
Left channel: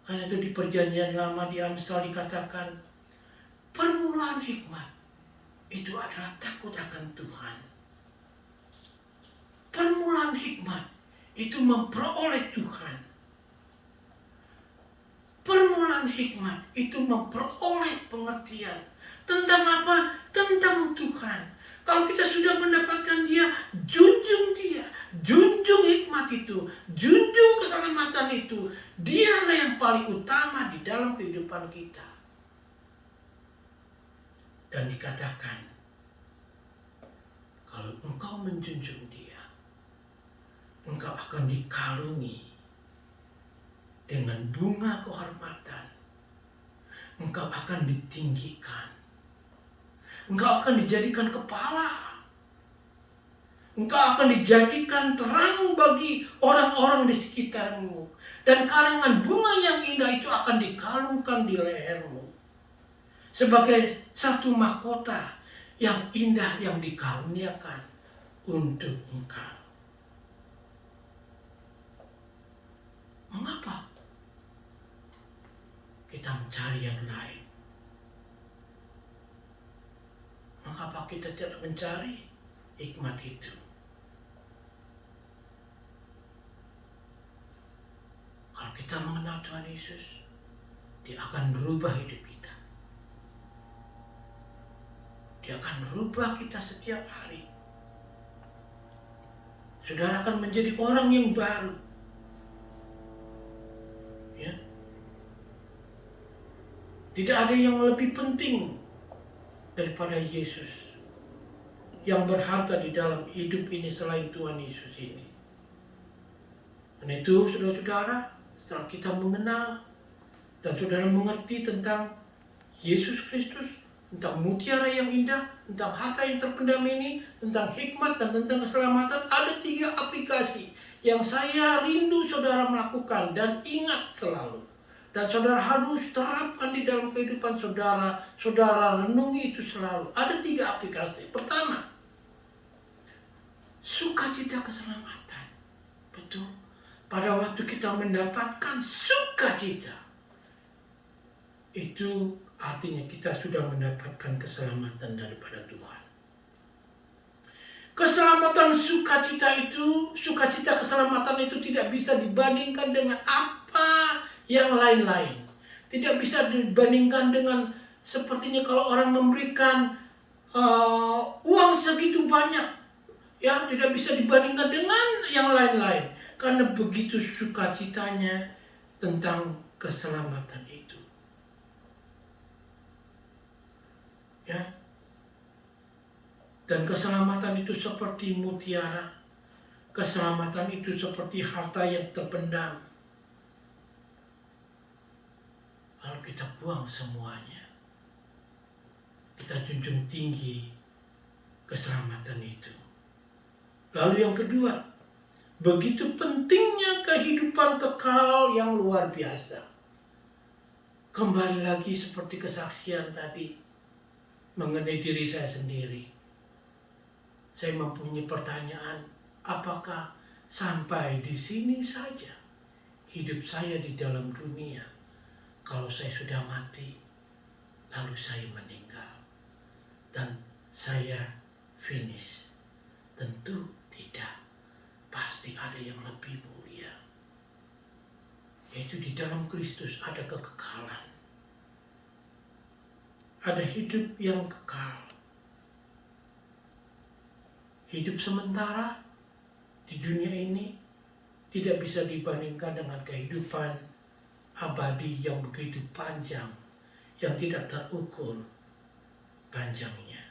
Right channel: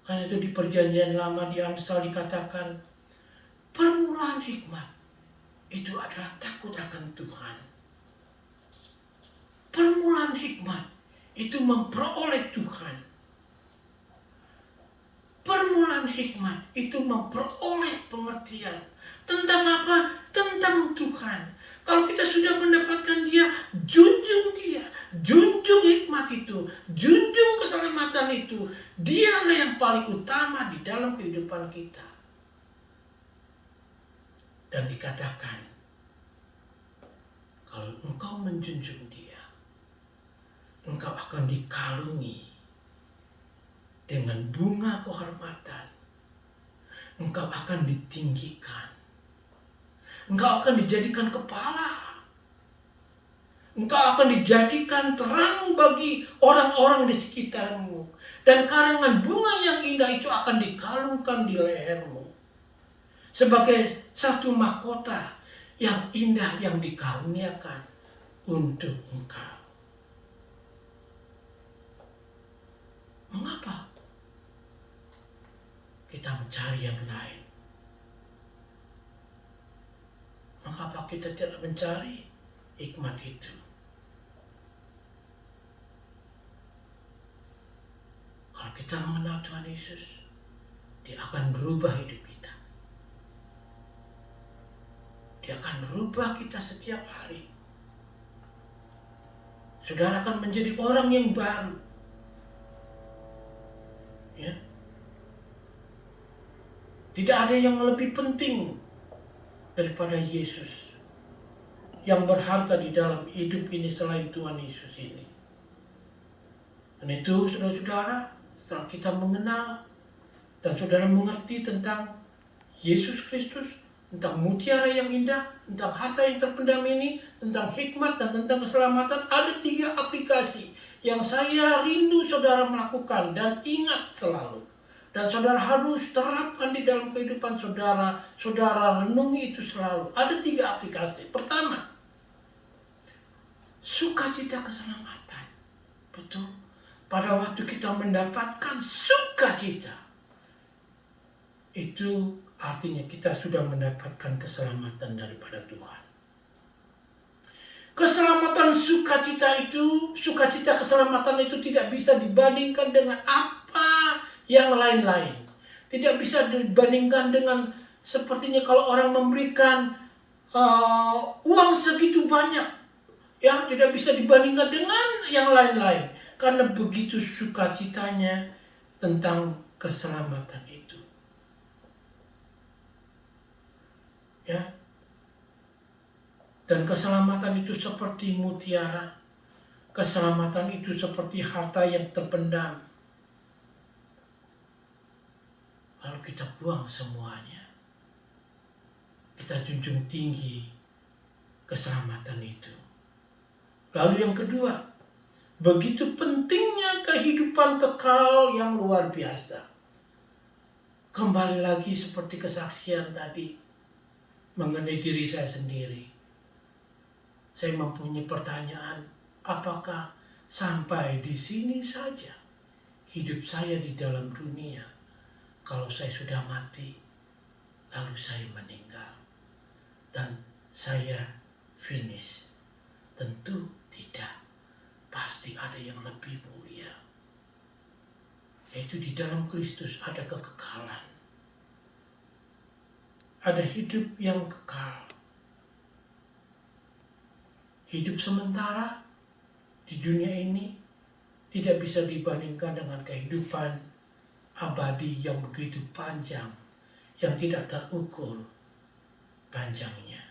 Karena itu di Perjanjian Lama di Amsal dikatakan, permulaan hikmat itu adalah takut akan Tuhan. Permulaan hikmat itu memperoleh Tuhan. Permulaan hikmat itu memperoleh pengertian. Tentang apa? Tentang Tuhan. Kalau kita sudah mendapatkan Dia, junjung Dia, junjung hikmat itu, junjung keselamatan itu. Dialah yang paling utama di dalam kehidupan kita. Dan dikatakan, kalau engkau menjunjung Dia, engkau akan dikalungi dengan bunga kehormatan. Engkau akan ditinggikan. Engkau akan dijadikan kepala. Engkau akan dijadikan terang bagi orang-orang di sekitarmu. Dan karangan bunga yang indah itu akan dikalungkan di lehermu. Sebagai satu mahkota yang indah yang dikaruniakan untuk engkau. Mengapa kita mencari yang lain? Mengapa kita tidak mencari hikmat itu? Kalau kita mengenal Tuhan Yesus, Dia akan merubah hidup kita. Dia akan merubah kita setiap hari. Saudara akan menjadi orang yang baru. Ya. Tidak ada yang lebih penting daripada Yesus yang berharga di dalam hidup ini selain Tuhan Yesus ini. Dan itu saudara-saudara, setelah kita mengenal dan saudara mengerti tentang Yesus Kristus, tentang mutiara yang indah, tentang harta yang terpendam ini, tentang hikmat dan tentang keselamatan, ada 3 aplikasi yang saya rindu saudara melakukan dan ingat selalu. Dan saudara harus terapkan di dalam kehidupan saudara, saudara renungi itu selalu. Ada 3 aplikasi. Pertama, sukacita keselamatan. Betul. Pada waktu kita mendapatkan sukacita, itu artinya kita sudah mendapatkan keselamatan daripada Tuhan. Keselamatan sukacita itu, sukacita keselamatan itu tidak bisa dibandingkan dengan apa yang lain-lain. Tidak bisa dibandingkan dengan sepertinya kalau orang memberikan uang segitu banyak, ya tidak bisa dibandingkan dengan yang lain-lain. Karena begitu sukacitanya tentang keselamatan itu. Ya. Dan keselamatan itu seperti mutiara. Keselamatan itu seperti harta yang terpendam. Lalu kita buang semuanya. Kita junjung tinggi keselamatan itu. Lalu yang kedua, begitu pentingnya kehidupan kekal yang luar biasa. Kembali lagi seperti kesaksian tadi mengenai diri saya sendiri. Saya mempunyai pertanyaan, apakah sampai di sini saja hidup saya di dalam dunia? Kalau saya sudah mati, lalu saya meninggal dan saya finish? Tentu tidak. Pasti ada yang lebih mulia. Yaitu di dalam Kristus ada kekekalan. Ada hidup yang kekal. Hidup sementara di dunia ini tidak bisa dibandingkan dengan kehidupan abadi yang begitu panjang, yang tidak terukur panjangnya.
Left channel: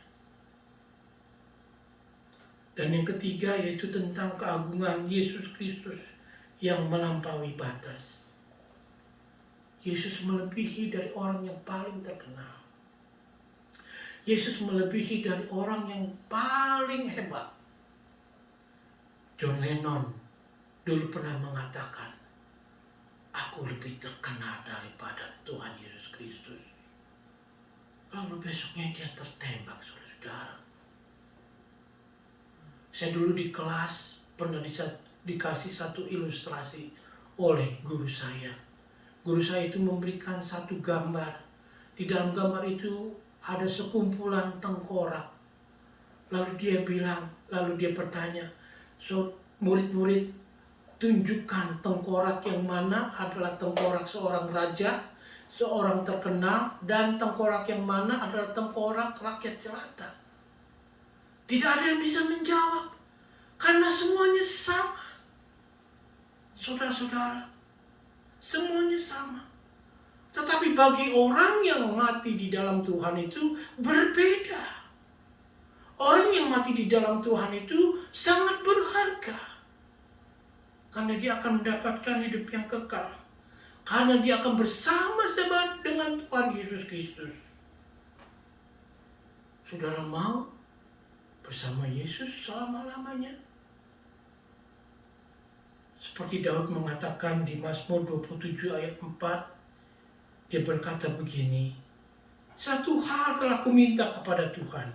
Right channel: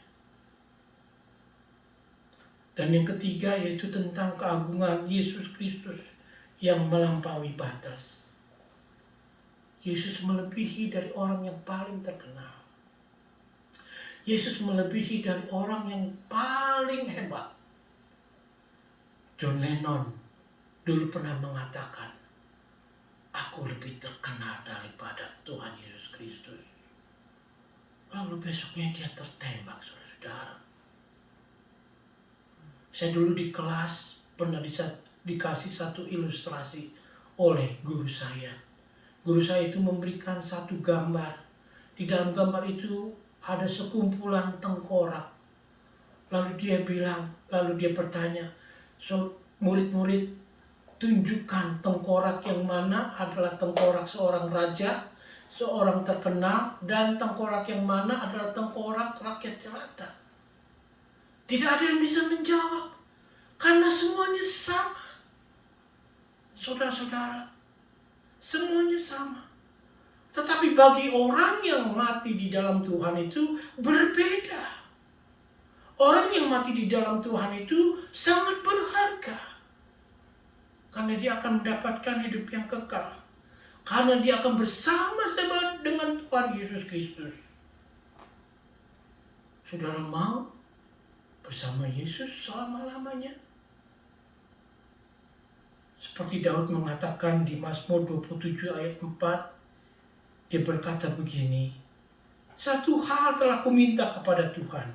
Dan yang ketiga yaitu tentang keagungan Yesus Kristus yang melampaui batas. Yesus melebihi dari orang yang paling terkenal. Yesus melebihi dari orang yang paling hebat. John Lennon dulu pernah mengatakan, aku lebih terkenal daripada Tuhan Yesus Kristus. Lalu besoknya dia tertembak, saudara-saudara. Saya dulu di kelas pernah dikasih satu ilustrasi oleh guru saya. Guru saya itu memberikan satu gambar. Di dalam gambar itu ada sekumpulan tengkorak. Lalu dia bertanya, so murid-murid tunjukkan tengkorak yang mana adalah tengkorak seorang raja, seorang terkenal, dan tengkorak yang mana adalah tengkorak rakyat jelata. Tidak ada yang bisa menjawab, karena semuanya sama. Saudara-saudara, semuanya sama. Tetapi bagi orang yang mati di dalam Tuhan itu berbeda. Orang yang mati di dalam Tuhan itu sangat berharga. Karena dia akan mendapatkan hidup yang kekal. Karena dia akan bersama-sama dengan Tuhan Yesus Kristus. Saudara mau bersama Yesus selama-lamanya? Seperti Daud mengatakan di Mazmur 27 ayat 4, dia berkata begini, satu hal telah kuminta kepada Tuhan,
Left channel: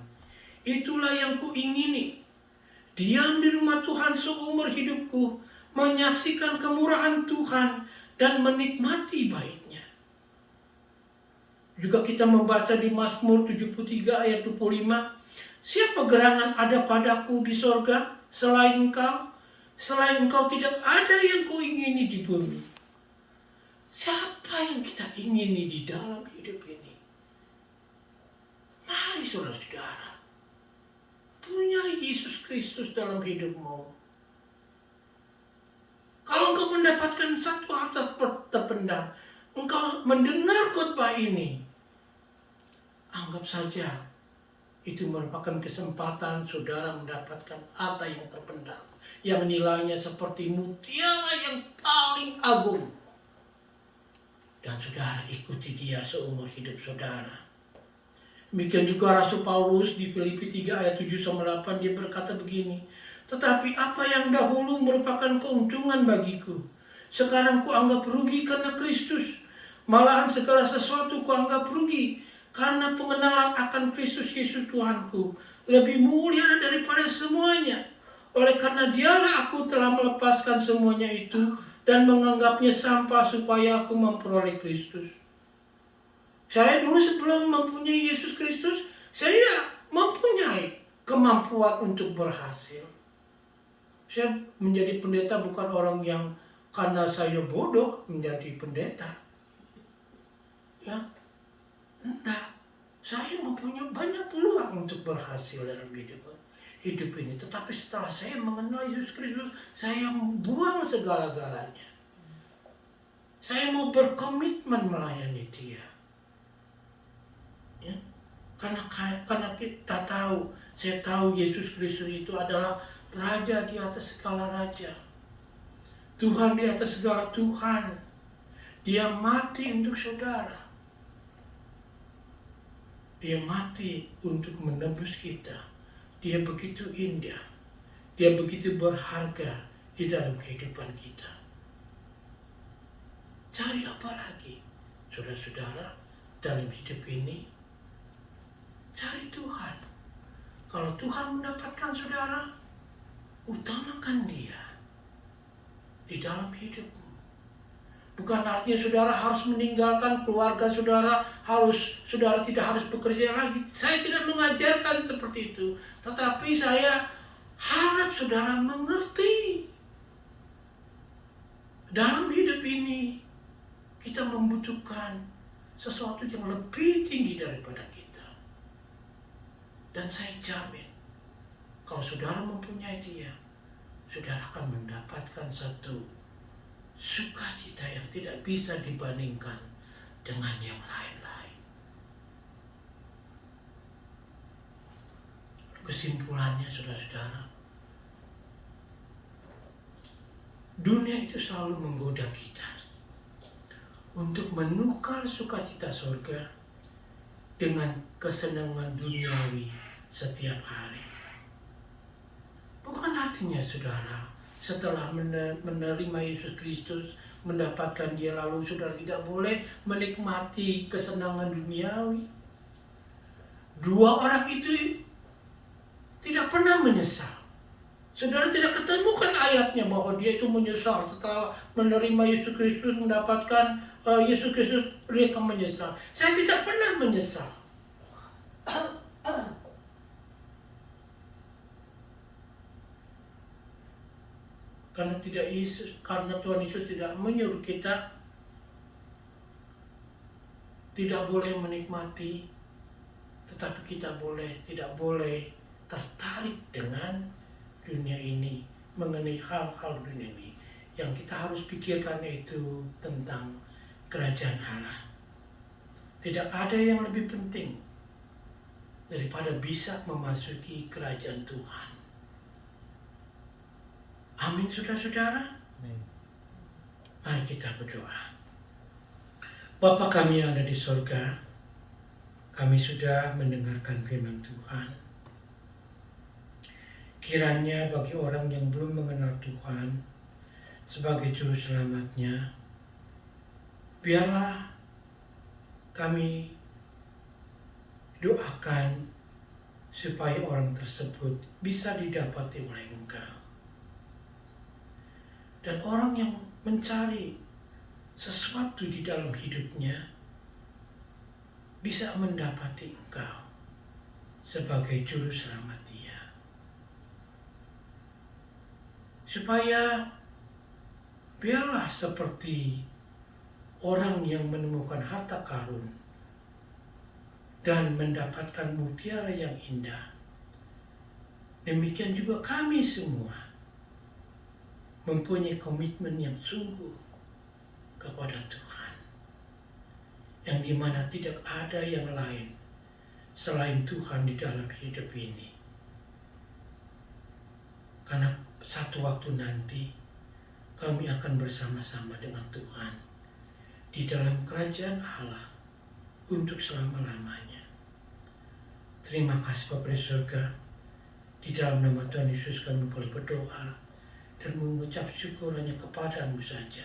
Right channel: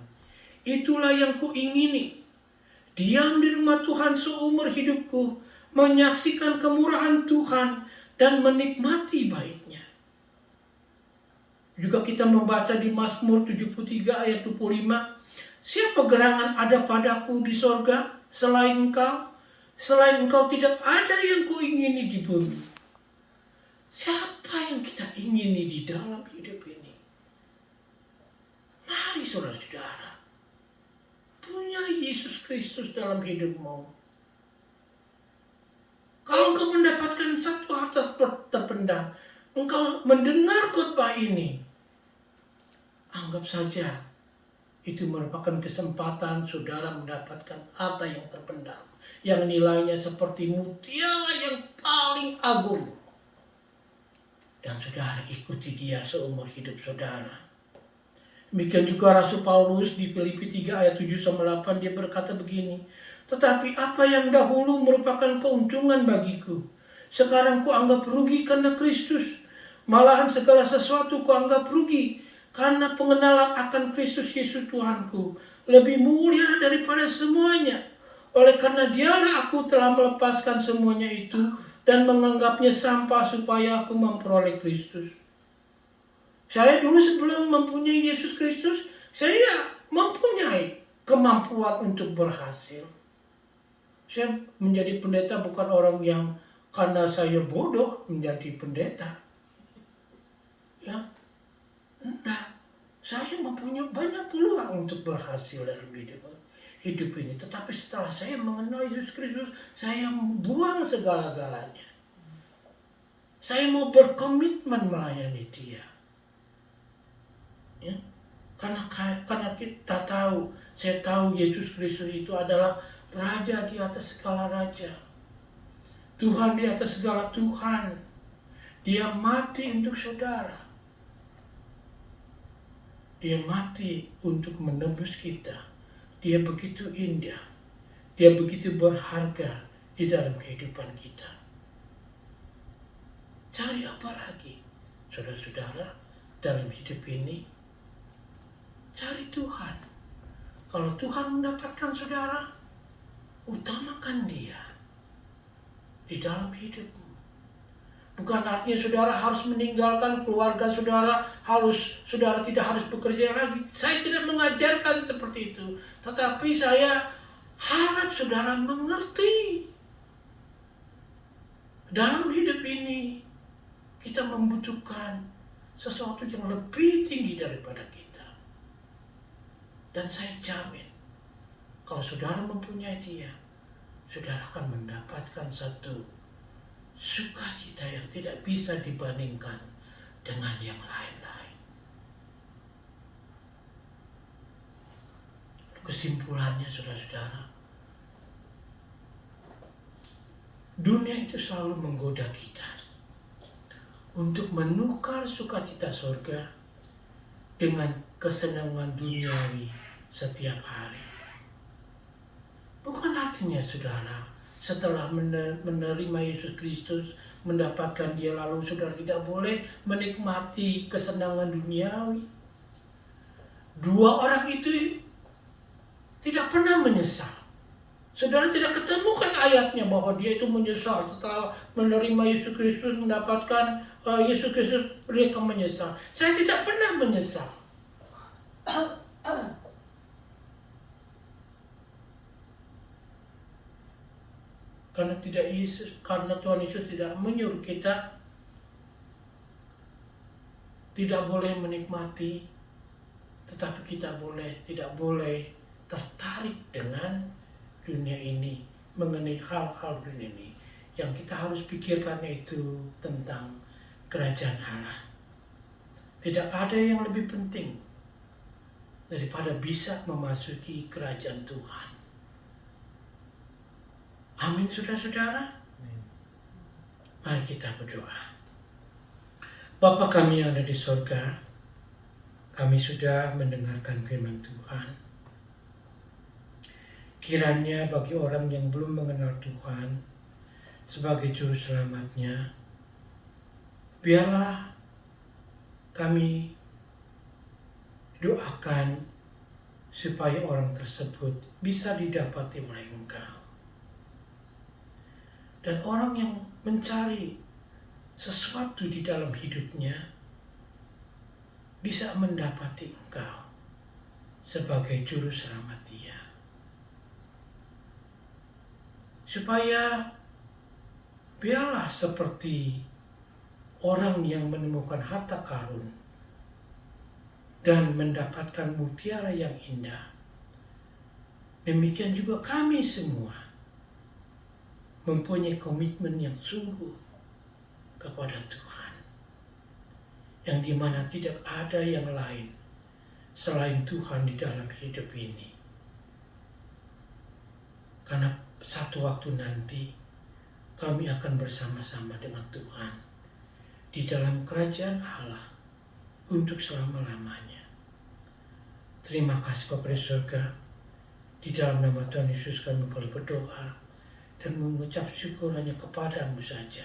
itulah yang kuingini, diam di rumah Tuhan seumur hidupku, menyaksikan kemurahan Tuhan dan menikmati baiknya. Juga kita membaca di Mazmur 73 ayat 25, siapa gerangan ada padaku di sorga selain engkau? Selain engkau tidak ada yang kuingini di bumi. Siapa yang kita ingini di dalam hidup ini? Mari saudara-saudara, punya Yesus Kristus dalam hidupmu. Kalau engkau mendapatkan satu harta terpendam, engkau mendengar khotbah ini, anggap saja itu merupakan kesempatan saudara mendapatkan harta yang terpendam, yang nilainya seperti mutiara yang paling agung. Dan saudara ikuti dia seumur hidup saudara. Demikian juga Rasul Paulus di Filipi 3 ayat 7-8 dia berkata begini, tetapi apa yang dahulu merupakan keuntungan bagiku, sekarang kuanggap rugi karena Kristus. Malahan segala sesuatu kuanggap rugi karena pengenalan akan Kristus Yesus Tuhanku lebih mulia daripada semuanya. Oleh karena dialah aku telah melepaskan semuanya itu dan menganggapnya sampah supaya aku memperoleh Kristus. Saya dulu sebelum mempunyai Yesus Kristus, saya mempunyai kemampuan untuk berhasil. Saya menjadi pendeta bukan orang yang karena saya bodoh menjadi pendeta. Ya, nah, saya mempunyai banyak peluang untuk berhasil dalam hidup ini. Tetapi setelah saya mengenal Yesus Kristus, saya buang segala-galanya. Saya mau berkomitmen melayani dia. Ya? Karena kita tahu, saya tahu Yesus Kristus itu adalah Raja di atas segala raja. Tuhan di atas segala Tuhan. Dia mati untuk saudara. Dia mati untuk menebus kita. Dia begitu indah. Dia begitu berharga di dalam kehidupan kita. Cari apa lagi, saudara-saudara, dalam hidup ini? Cari Tuhan. Kalau Tuhan mendapatkan saudara, utamakan dia di dalam hidupmu. Bukan artinya saudara harus meninggalkan keluarga saudara, saudara tidak harus bekerja lagi. Saya tidak mengajarkan seperti itu. Tetapi saya harap saudara mengerti. Dalam hidup ini, kita membutuhkan sesuatu yang lebih tinggi daripada kita. Dan saya jamin, kalau saudara mempunyai dia, saudara akan mendapatkan satu sukacita yang tidak bisa dibandingkan dengan yang lain-lain. Kesimpulannya, saudara-saudara, dunia itu selalu menggoda kita untuk menukar sukacita surga dengan kesenangan duniawi setiap hari. Bukan artinya saudara, setelah menerima Yesus Kristus, mendapatkan dia lalu saudara tidak boleh menikmati kesenangan duniawi. Dua orang itu tidak pernah menyesal. Saudara tidak ketemukan ayatnya bahwa dia itu menyesal setelah menerima Yesus Kristus, mendapatkan Yesus Kristus, dia akan menyesal. Saya tidak pernah menyesal. Karena Tuhan Yesus tidak menyuruh kita tidak boleh menikmati, tetapi kita tidak boleh tertarik dengan dunia ini, mengenai hal-hal dunia ini. Yang kita harus pikirkan itu tentang kerajaan Allah. Tidak ada yang lebih penting daripada bisa memasuki kerajaan Tuhan. Amin, saudara-saudara. Mari kita berdoa. Bapa kami yang ada di sorga, kami sudah mendengarkan firman Tuhan. Kiranya bagi orang yang belum mengenal Tuhan sebagai juru selamatnya, biarlah kami doakan supaya orang tersebut bisa didapati oleh Engkau. Dan orang yang mencari sesuatu di dalam hidupnya bisa mendapati Engkau sebagai juru selamat dia. Supaya biarlah seperti orang yang menemukan harta karun dan mendapatkan mutiara yang indah. Demikian juga kami semua mempunyai komitmen yang sungguh kepada Tuhan, yang dimana tidak ada yang lain selain Tuhan di dalam hidup ini. Karena satu waktu nanti kami akan bersama-sama dengan Tuhan di dalam kerajaan Allah untuk selama-lamanya. Terima kasih Bapa di surga. Di dalam nama Tuhan Yesus kami boleh berdoa dan mengucap syukur hanya kepadamu saja.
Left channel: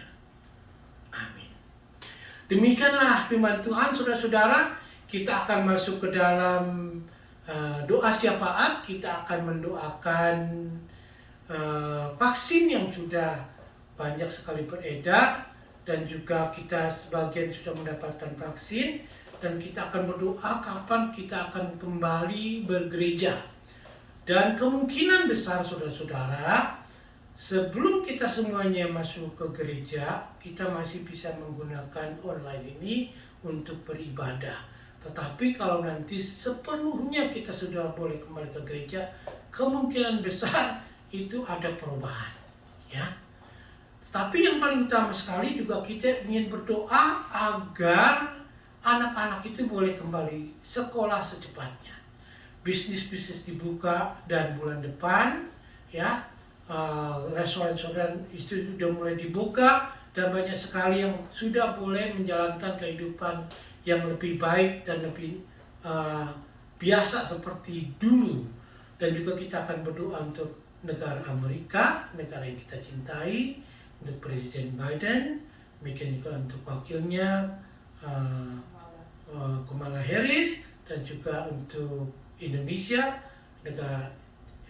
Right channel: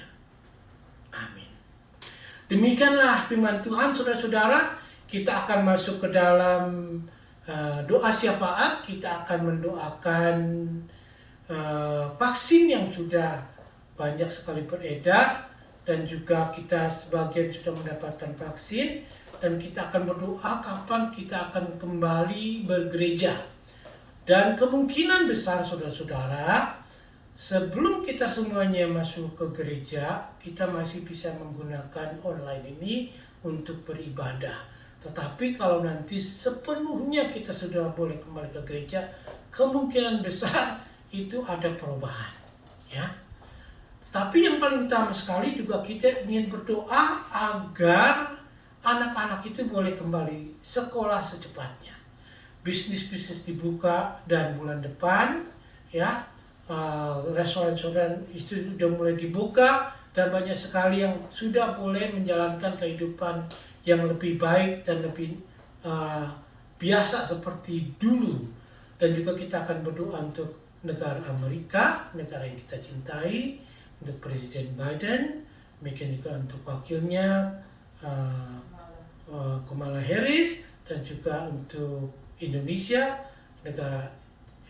Amin. Demikianlah firman Tuhan, saudara-saudara. Kita akan masuk ke dalam doa syafaat. Kita akan mendoakan vaksin yang sudah banyak sekali beredar, dan juga kita sebagian sudah mendapatkan vaksin, dan kita akan berdoa kapan kita akan kembali bergereja. Dan kemungkinan besar saudara-saudara, sebelum kita semuanya masuk ke gereja, kita masih bisa menggunakan online ini untuk beribadah. Tetapi kalau nanti sepenuhnya kita sudah boleh kembali ke gereja, kemungkinan besar itu ada perubahan, ya. Tapi yang paling utama sekali juga kita ingin berdoa agar anak-anak itu boleh kembali sekolah secepatnya. Bisnis-bisnis dibuka dan bulan depan, ya, restoran-restoran itu sudah mulai dibuka dan banyak sekali yang sudah boleh menjalankan kehidupan yang lebih baik dan lebih biasa seperti dulu. Dan juga kita akan berdoa untuk negara Amerika, negara yang kita cintai, untuk Presiden Biden, demikian juga untuk wakilnya Kamala Harris, dan juga untuk Indonesia, negara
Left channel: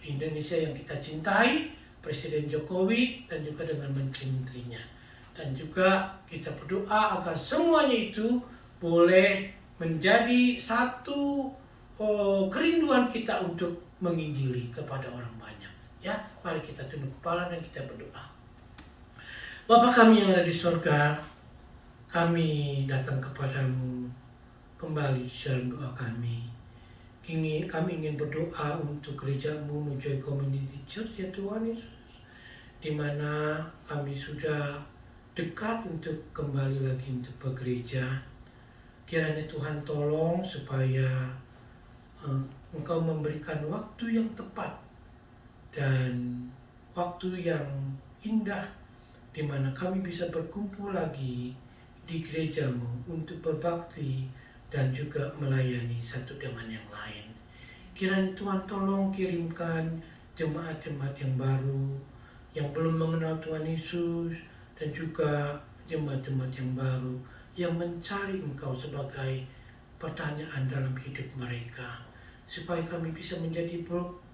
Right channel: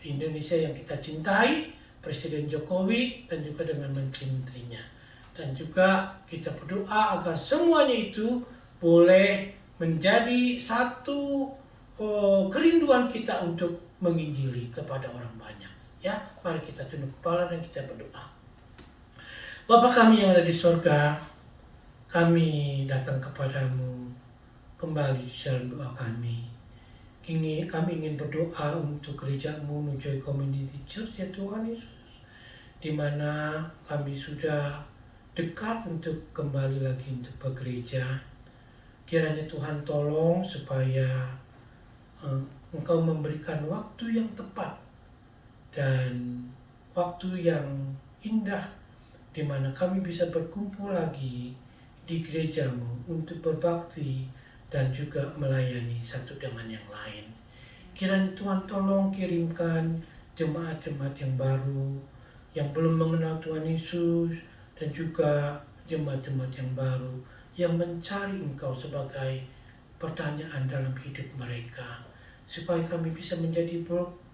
Indonesia yang kita cintai, Presiden Jokowi, dan juga dengan menteri-menterinya. Dan juga kita berdoa agar semuanya itu boleh menjadi satu kerinduan kita untuk menginjili kepada orang banyak. Ya, mari kita tunduk kepala dan kita berdoa. Bapa kami yang ada di sorga, kami datang kepadamu kembali dalam doa kami. Kami ingin berdoa untuk gerejamu, Joy Community Church, ya Tuhan Yesus, di mana kami sudah dekat untuk kembali lagi untuk bergereja. Kiranya Tuhan tolong supaya Engkau memberikan waktu yang tepat dan waktu yang indah di mana kami bisa berkumpul lagi di gerejamu untuk berbakti dan juga melayani satu dengan yang lain. Kiranya Tuhan tolong kirimkan jemaat-jemaat yang baru, yang belum mengenal Tuhan Yesus, dan juga jemaat-jemaat yang baru yang mencari Engkau sebagai pertanyaan dalam hidup mereka, supaya kami bisa menjadi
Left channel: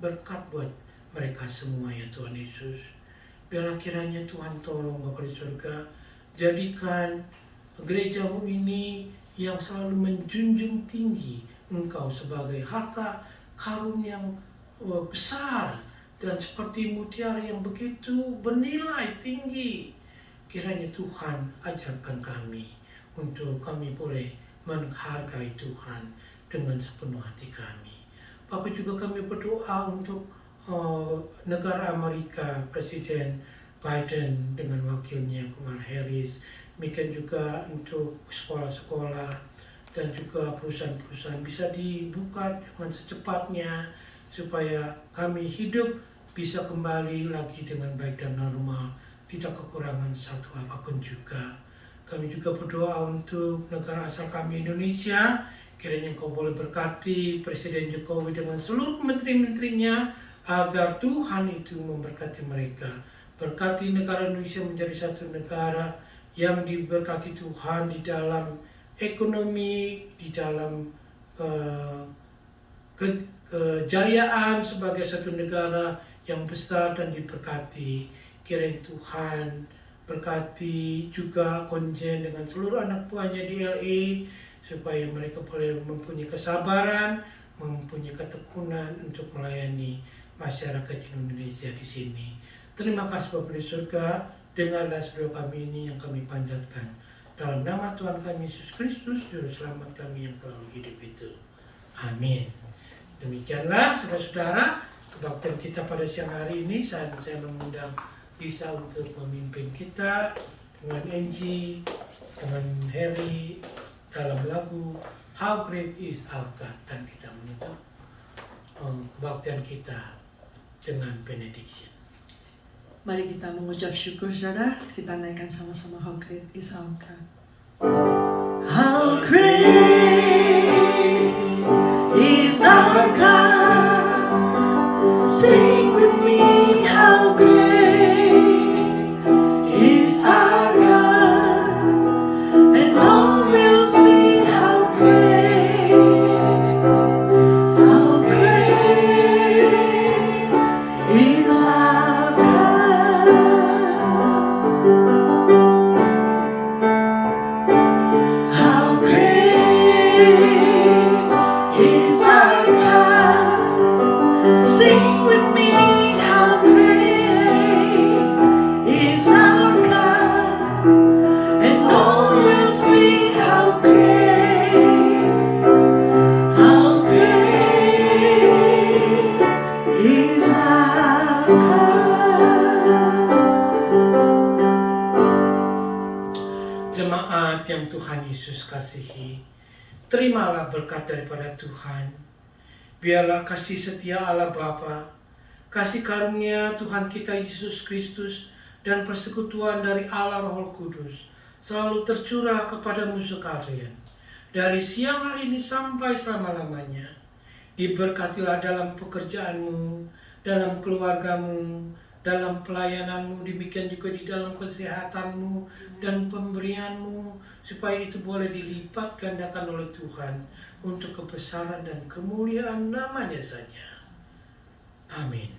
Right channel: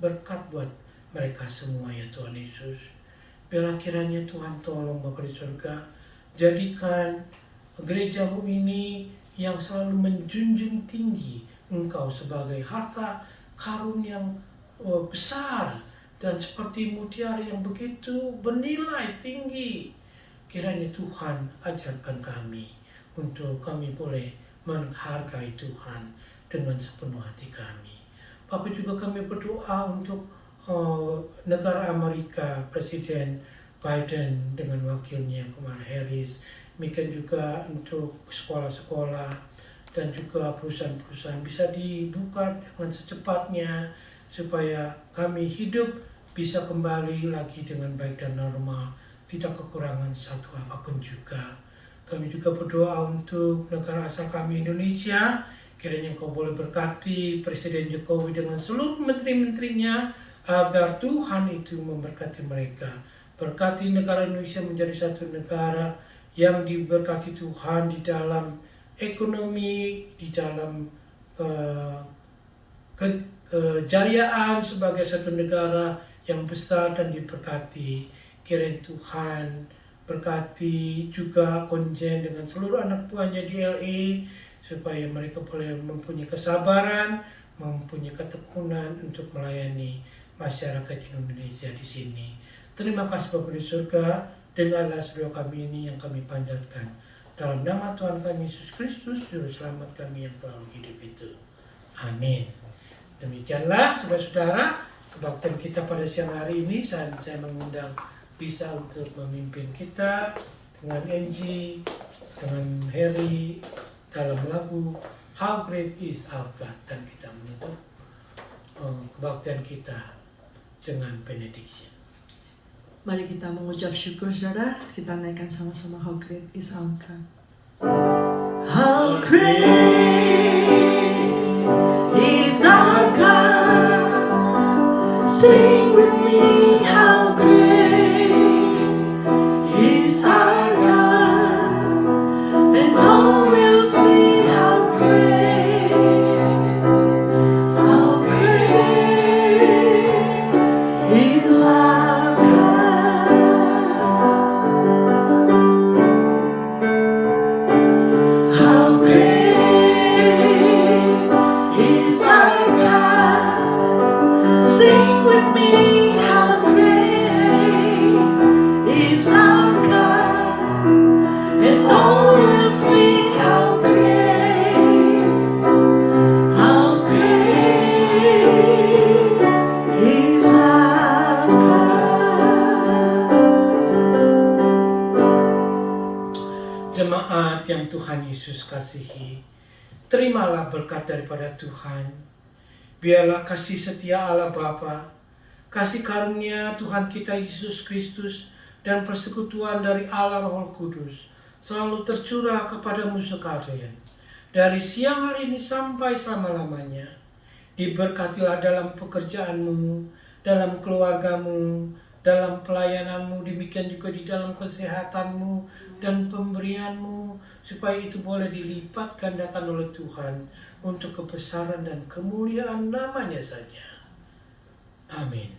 berkat buat mereka semua, ya Tuhan Yesus. Biarlah kiranya Tuhan tolong Bapa di surga, jadikan gerejamu ini yang selalu menjunjung tinggi Engkau sebagai harta karun yang besar dan seperti mutiara yang begitu bernilai tinggi. Kiranya Tuhan ajarkan kami untuk kami boleh menghargai Tuhan dengan sepenuh hati kami. Bapak juga kami berdoa untuk negara Amerika, Presiden Biden dengan wakilnya Kamala Harris. Demikian juga untuk sekolah-sekolah dan juga perusahaan-perusahaan bisa dibuka dengan secepatnya supaya kami hidup bisa kembali lagi dengan baik dan normal, tidak kekurangan satu apapun juga. Kami juga berdoa untuk negara asal kami Indonesia, kiranya Engkau boleh berkati Presiden Jokowi dengan seluruh menteri-menterinya agar Tuhan itu memberkati mereka. Berkati negara Indonesia menjadi satu negara yang diberkati Tuhan di dalam ekonomi, di dalam kejayaan sebagai satu negara yang besar dan diberkati. Kiranya Tuhan berkati juga Konjen dengan seluruh anak buahnya di LA, supaya mereka boleh mempunyai kesabaran, mempunyai ketekunan untuk melayani masyarakat Indonesia di sini. Terima kasih Bapa di surga. Dengarlah doa kami ini yang kami panjatkan Dalam nama Tuhan kami Yesus Kristus, Juru Selamat kami yang selalu hidup itu. Amin. Demikianlah saudara-saudara, kebaktian kita pada siang hari ini. Saya mengundang Lisa untuk memimpin kita dengan Angie, dengan Harry dalam lagu How Great Is Our God. Dan kita menutup kebaktian kita dengan benediction. Mari kita mengucap syukur saudara. Kita naikkan sama-sama How Great Is Our God. How great is our God. Sing with me, how great is our God. And all will see how great is our God. How great is our God. Sing with me, how great is our God. And all will see how great is our God. Jemaat yang Tuhan Yesus kasihi, terimalah berkat daripada Tuhan. Biarlah kasih setia Allah Bapa, kasih karunia Tuhan kita Yesus Kristus, dan persekutuan dari Allah Roh Kudus selalu tercurah kepadamu sekalian, dari siang hari ini sampai selama-lamanya. Diberkatilah dalam pekerjaanmu, dalam keluargamu, dalam pelayananmu, demikian juga di dalam kesehatanmu dan pemberianmu, supaya itu boleh dilipat gandakan oleh Tuhan untuk kebesaran dan kemuliaan namanya saja. Amin.